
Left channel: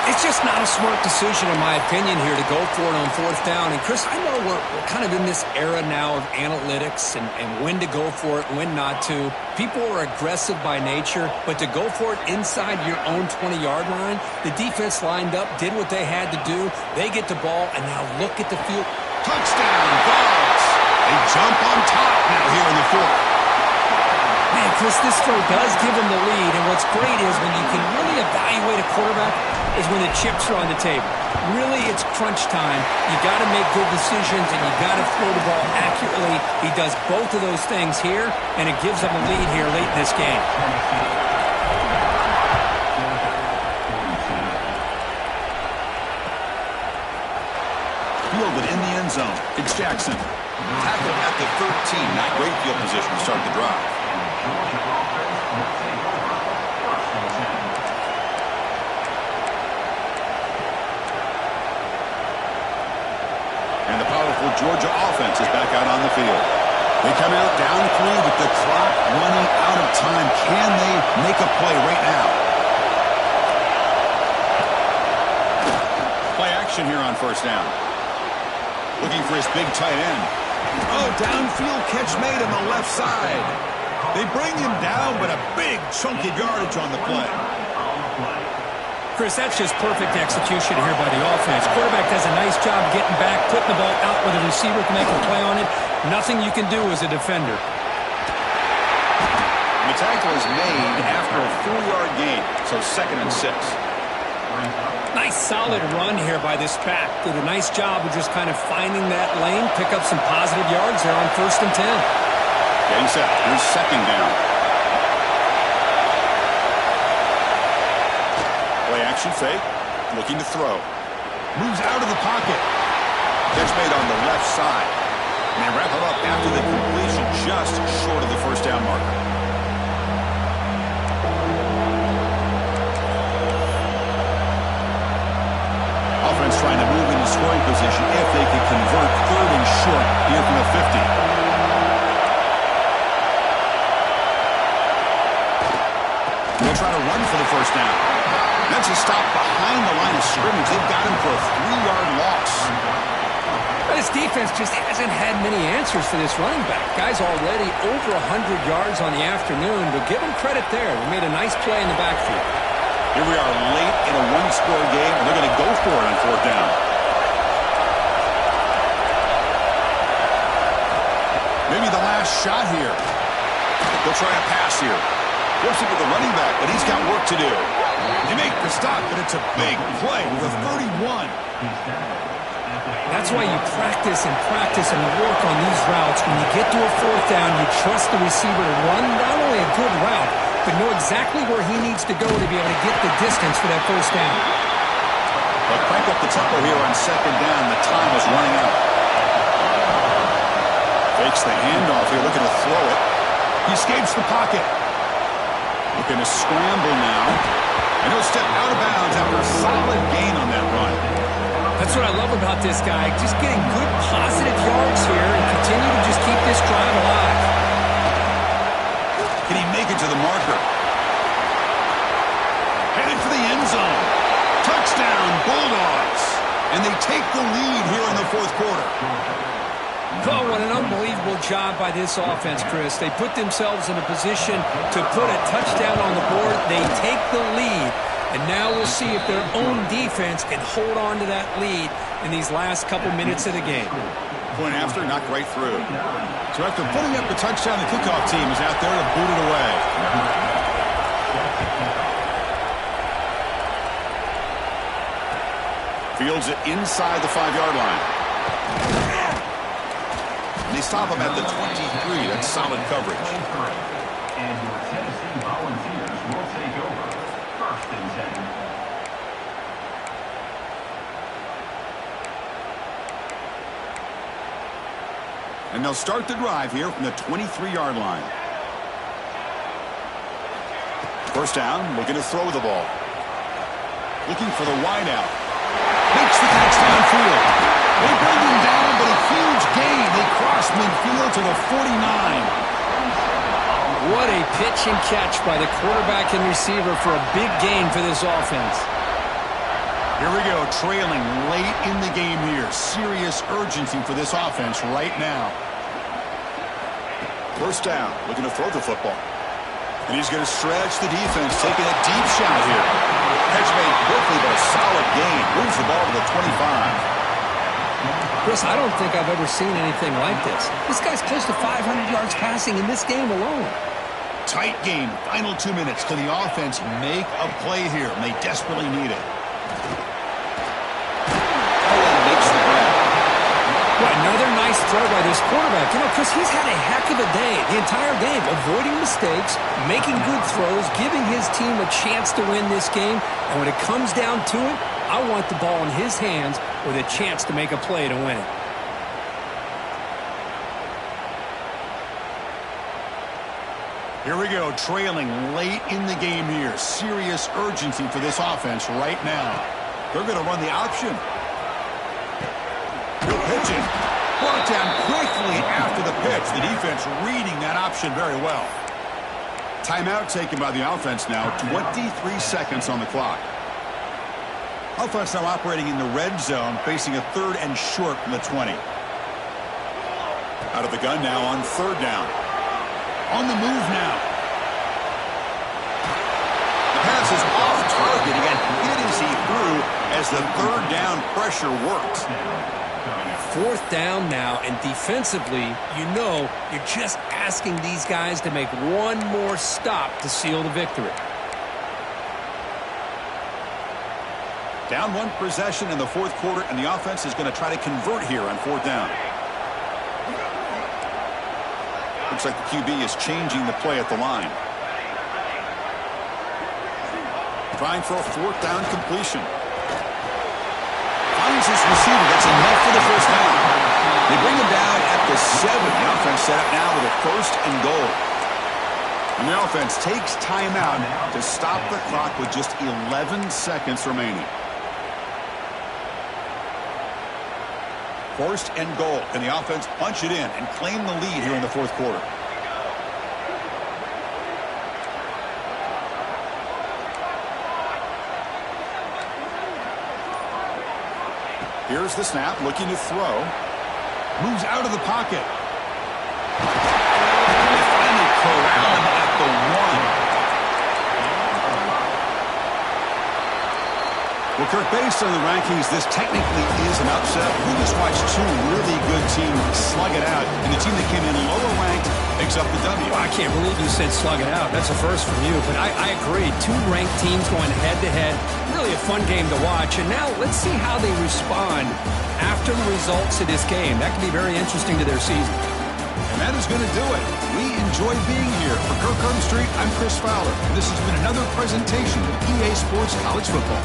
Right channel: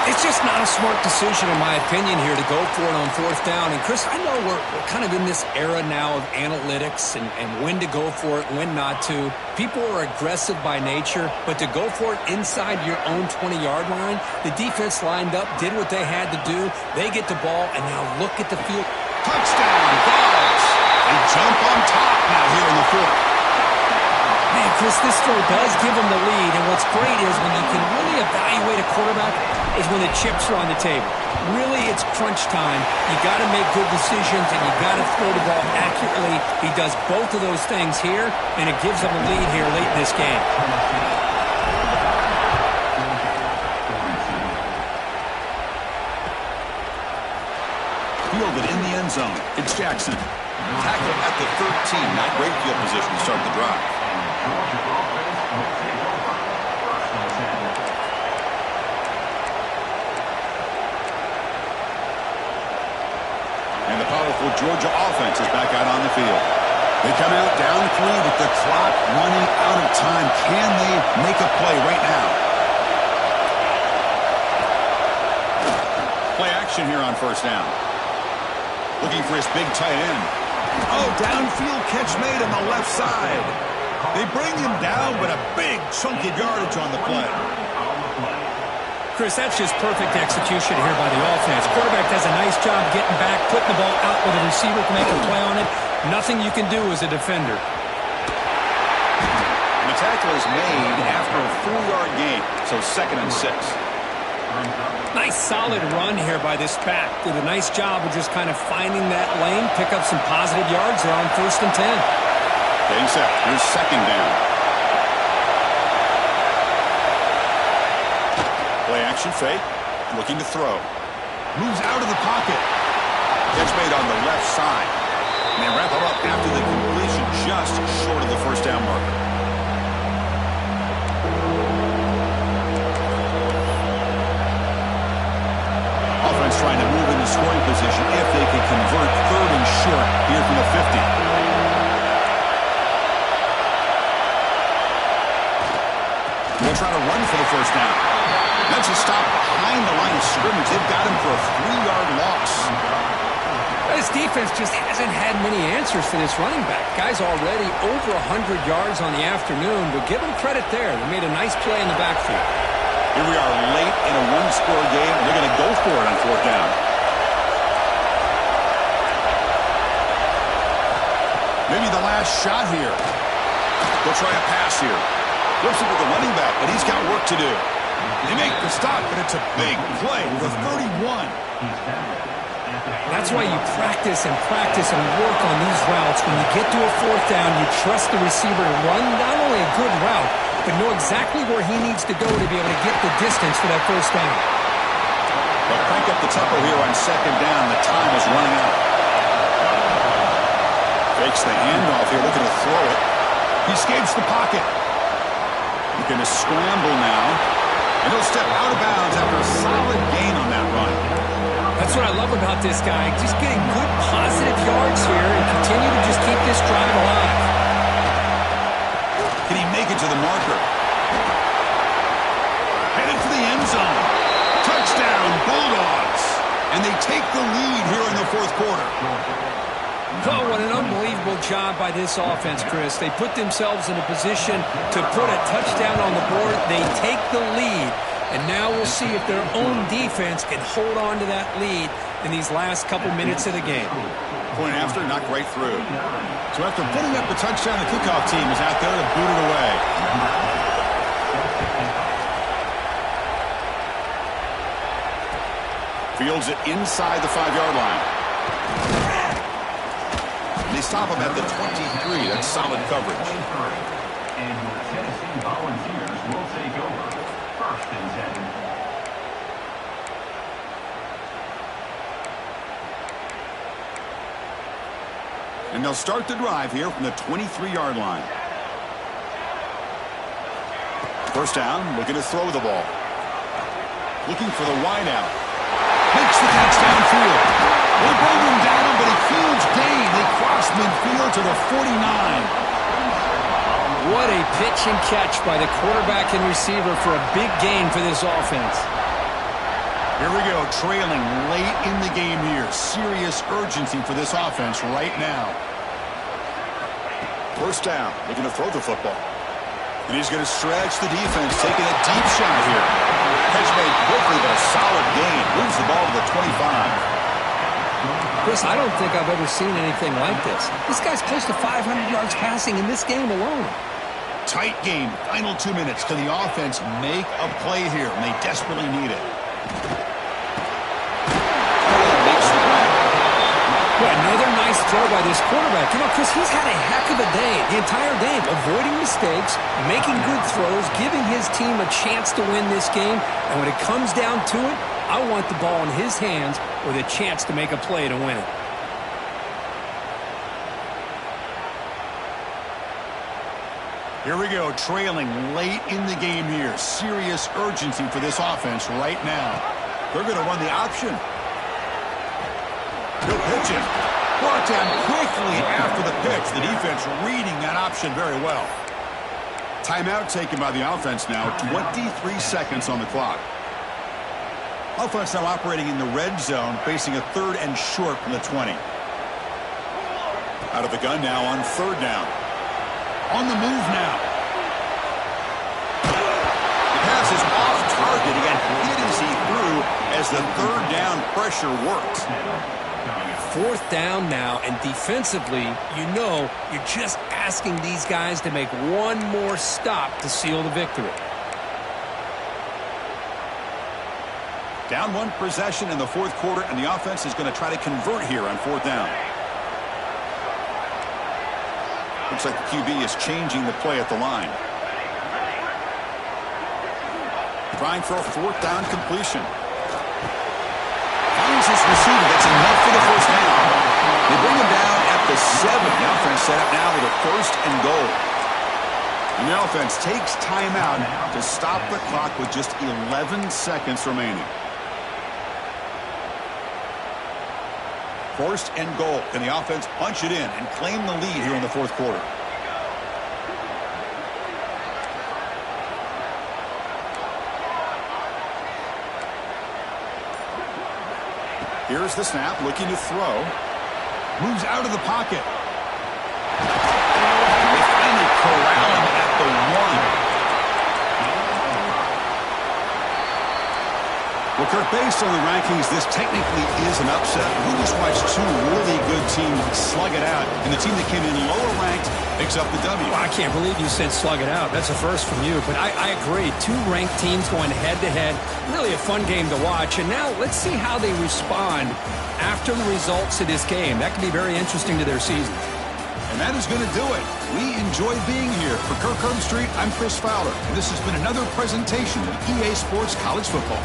It's just not a smart decision, in my opinion, here to go for it on 4th down. And, Chris, I know we're kind of in this era now of analytics and when to go for it, when not to. People are aggressive by nature, but to go for it inside your own 20-yard line, the defense lined up, did what they had to do. They get the ball, and now look at the field. Touchdown, Vols! They jump on top now here in the 4th. Man, Chris, this throw does give them the lead, and what's great is when you can really evaluate a quarterback is when the chips are on the table. Really, it's crunch time. You got to make good decisions, and you got to throw the ball accurately. He does both of those things here, and it gives them a lead here late in this game. Fielded in the end zone. It's Jackson. Tackled at the 13. Not great field position to start the drive. Georgia offense will take over 1st and 7. And the powerful Georgia offense is back out on the field. They come out down 3 with the clock running out of time. Can they make a play right now? Play action here on 1st down. Looking for his big tight end. Oh, downfield catch made on the left side. They bring him down, but a big chunk of yardage on the play. Chris, that's just perfect execution here by the offense. Quarterback does a nice job getting back, putting the ball out where the receiver can make a play on it. Nothing you can do as a defender. And the tackle is made after a 4-yard gain, so 2nd and 6. Nice solid run here by this back. Did a nice job of just kind of finding that lane, pick up some positive yards there on 1st and 10. Getting set. Here's second down. Play action fake. Looking to throw. Moves out of the pocket. Catch made on the left side. And they wrap him up after the completion, just short of the first down marker. Offense trying to move into scoring position if they can convert third and short here from the 50. They'll try to run for the first down. That's a stop behind the line of scrimmage. They've got him for a 3-yard loss. This defense just hasn't had many answers for this running back. Guy's already over 100 yards on the afternoon, but give him credit there. They made a nice play in the backfield. Here we are late in a one-score game, and they're going to go for it on fourth down. Maybe the last shot here. They'll try a pass here. Flips it to the running back, but he's got work to do. They make the stop, but it's a big play for 31. That's why you practice and work on these routes. When you get to a fourth down, you trust the receiver to run not only a good route, but know exactly where he needs to go to be able to get the distance for that first down. But crank up the tempo here on second down. The time is running out. Fakes the handoff here, looking to throw it. He escapes the pocket. Looking to scramble now. And he'll step out of bounds after a solid gain on that run. That's what I love about this guy. Just getting good, positive yards here and continue to just keep this drive alive. Can he make it to the marker? Headed for the end zone. Touchdown, Bulldogs. And they take the lead here in the fourth quarter. Oh, what an unbelievable job by this offense, Chris. They put themselves in a position to put a touchdown on the board. They take the lead. And now we'll see if their own defense can hold on to that lead in these last couple minutes of the game. Point after, knocked right through. So after putting up the touchdown, the kickoff team is out there to boot it away. Fields it inside the 5-yard line. They stop him at the 23. That's solid coverage. And your Tennessee Volunteers will take over. First and 10. And they'll start the drive here from the 23-yard line. First down, looking to throw the ball. Looking for the wideout. Makes the catch downfield. They bring him down, but a huge gain. They cross midfield to the 49. What a pitch and catch by the quarterback and receiver for a big gain for this offense. Here we go, trailing late in the game here. Serious urgency for this offense right now. First down, looking to throw the football. And he's going to stretch the defense, taking a deep shot here. Catch made quickly, but a solid gain. Moves the ball to the 25. Chris, I don't think I've ever seen anything like this. This guy's close to 500 yards passing in this game alone. Tight game. Final 2 minutes. Can the offense make a play here? And they desperately need it. Allen makes the grab. Well, another nice throw by this quarterback. You know, Chris, he's had a heck of a day the entire game, avoiding mistakes, making good throws, giving his team a chance to win this game. And when it comes down to it, I want the ball in his hands with a chance to make a play to win it. Here we go, trailing late in the game here. Serious urgency for this offense right now. They're going to run the option. He'll pitch it. Brought down quickly after the pitch. The defense reading that option very well. Timeout taken by the offense now. 23 seconds on the clock. Offense now operating in the red zone, facing a third and short from the 20. Out of the gun now on third down. On the move now. The pass is off target. He got hit as he threw as the third down pressure worked. Fourth down now, and defensively, you know, you're just asking these guys to make one more stop to seal the victory. Down one possession in the fourth quarter, and the offense is going to try to convert here on fourth down. Looks like the QB is changing the play at the line. Trying for a 4th down completion. Finds his receiver. That's enough for the first down. They bring him down at the 7. The offense set up now with a 1st and goal. And the offense takes timeout to stop the clock with just 11 seconds remaining. 1st and goal. Can the offense punch it in and claim the lead here in the 4th quarter? Here's the snap, looking to throw. Moves out of the pocket. They finally corral him at the 1. Well, Kirk, based on the rankings, this technically is an upset. We just watched 2 really good teams slug it out, and the team that came in lower ranked picks up the W. Well, I can't believe you said slug it out. That's a first from you, but I agree. 2 ranked teams going head-to-head. Really a fun game to watch, and now let's see how they respond after the results of this game. That could be very interesting to their season. And that is going to do it. We enjoy being here. For Kirk Herbstreit, I'm Chris Fowler, and this has been another presentation of EA Sports College Football.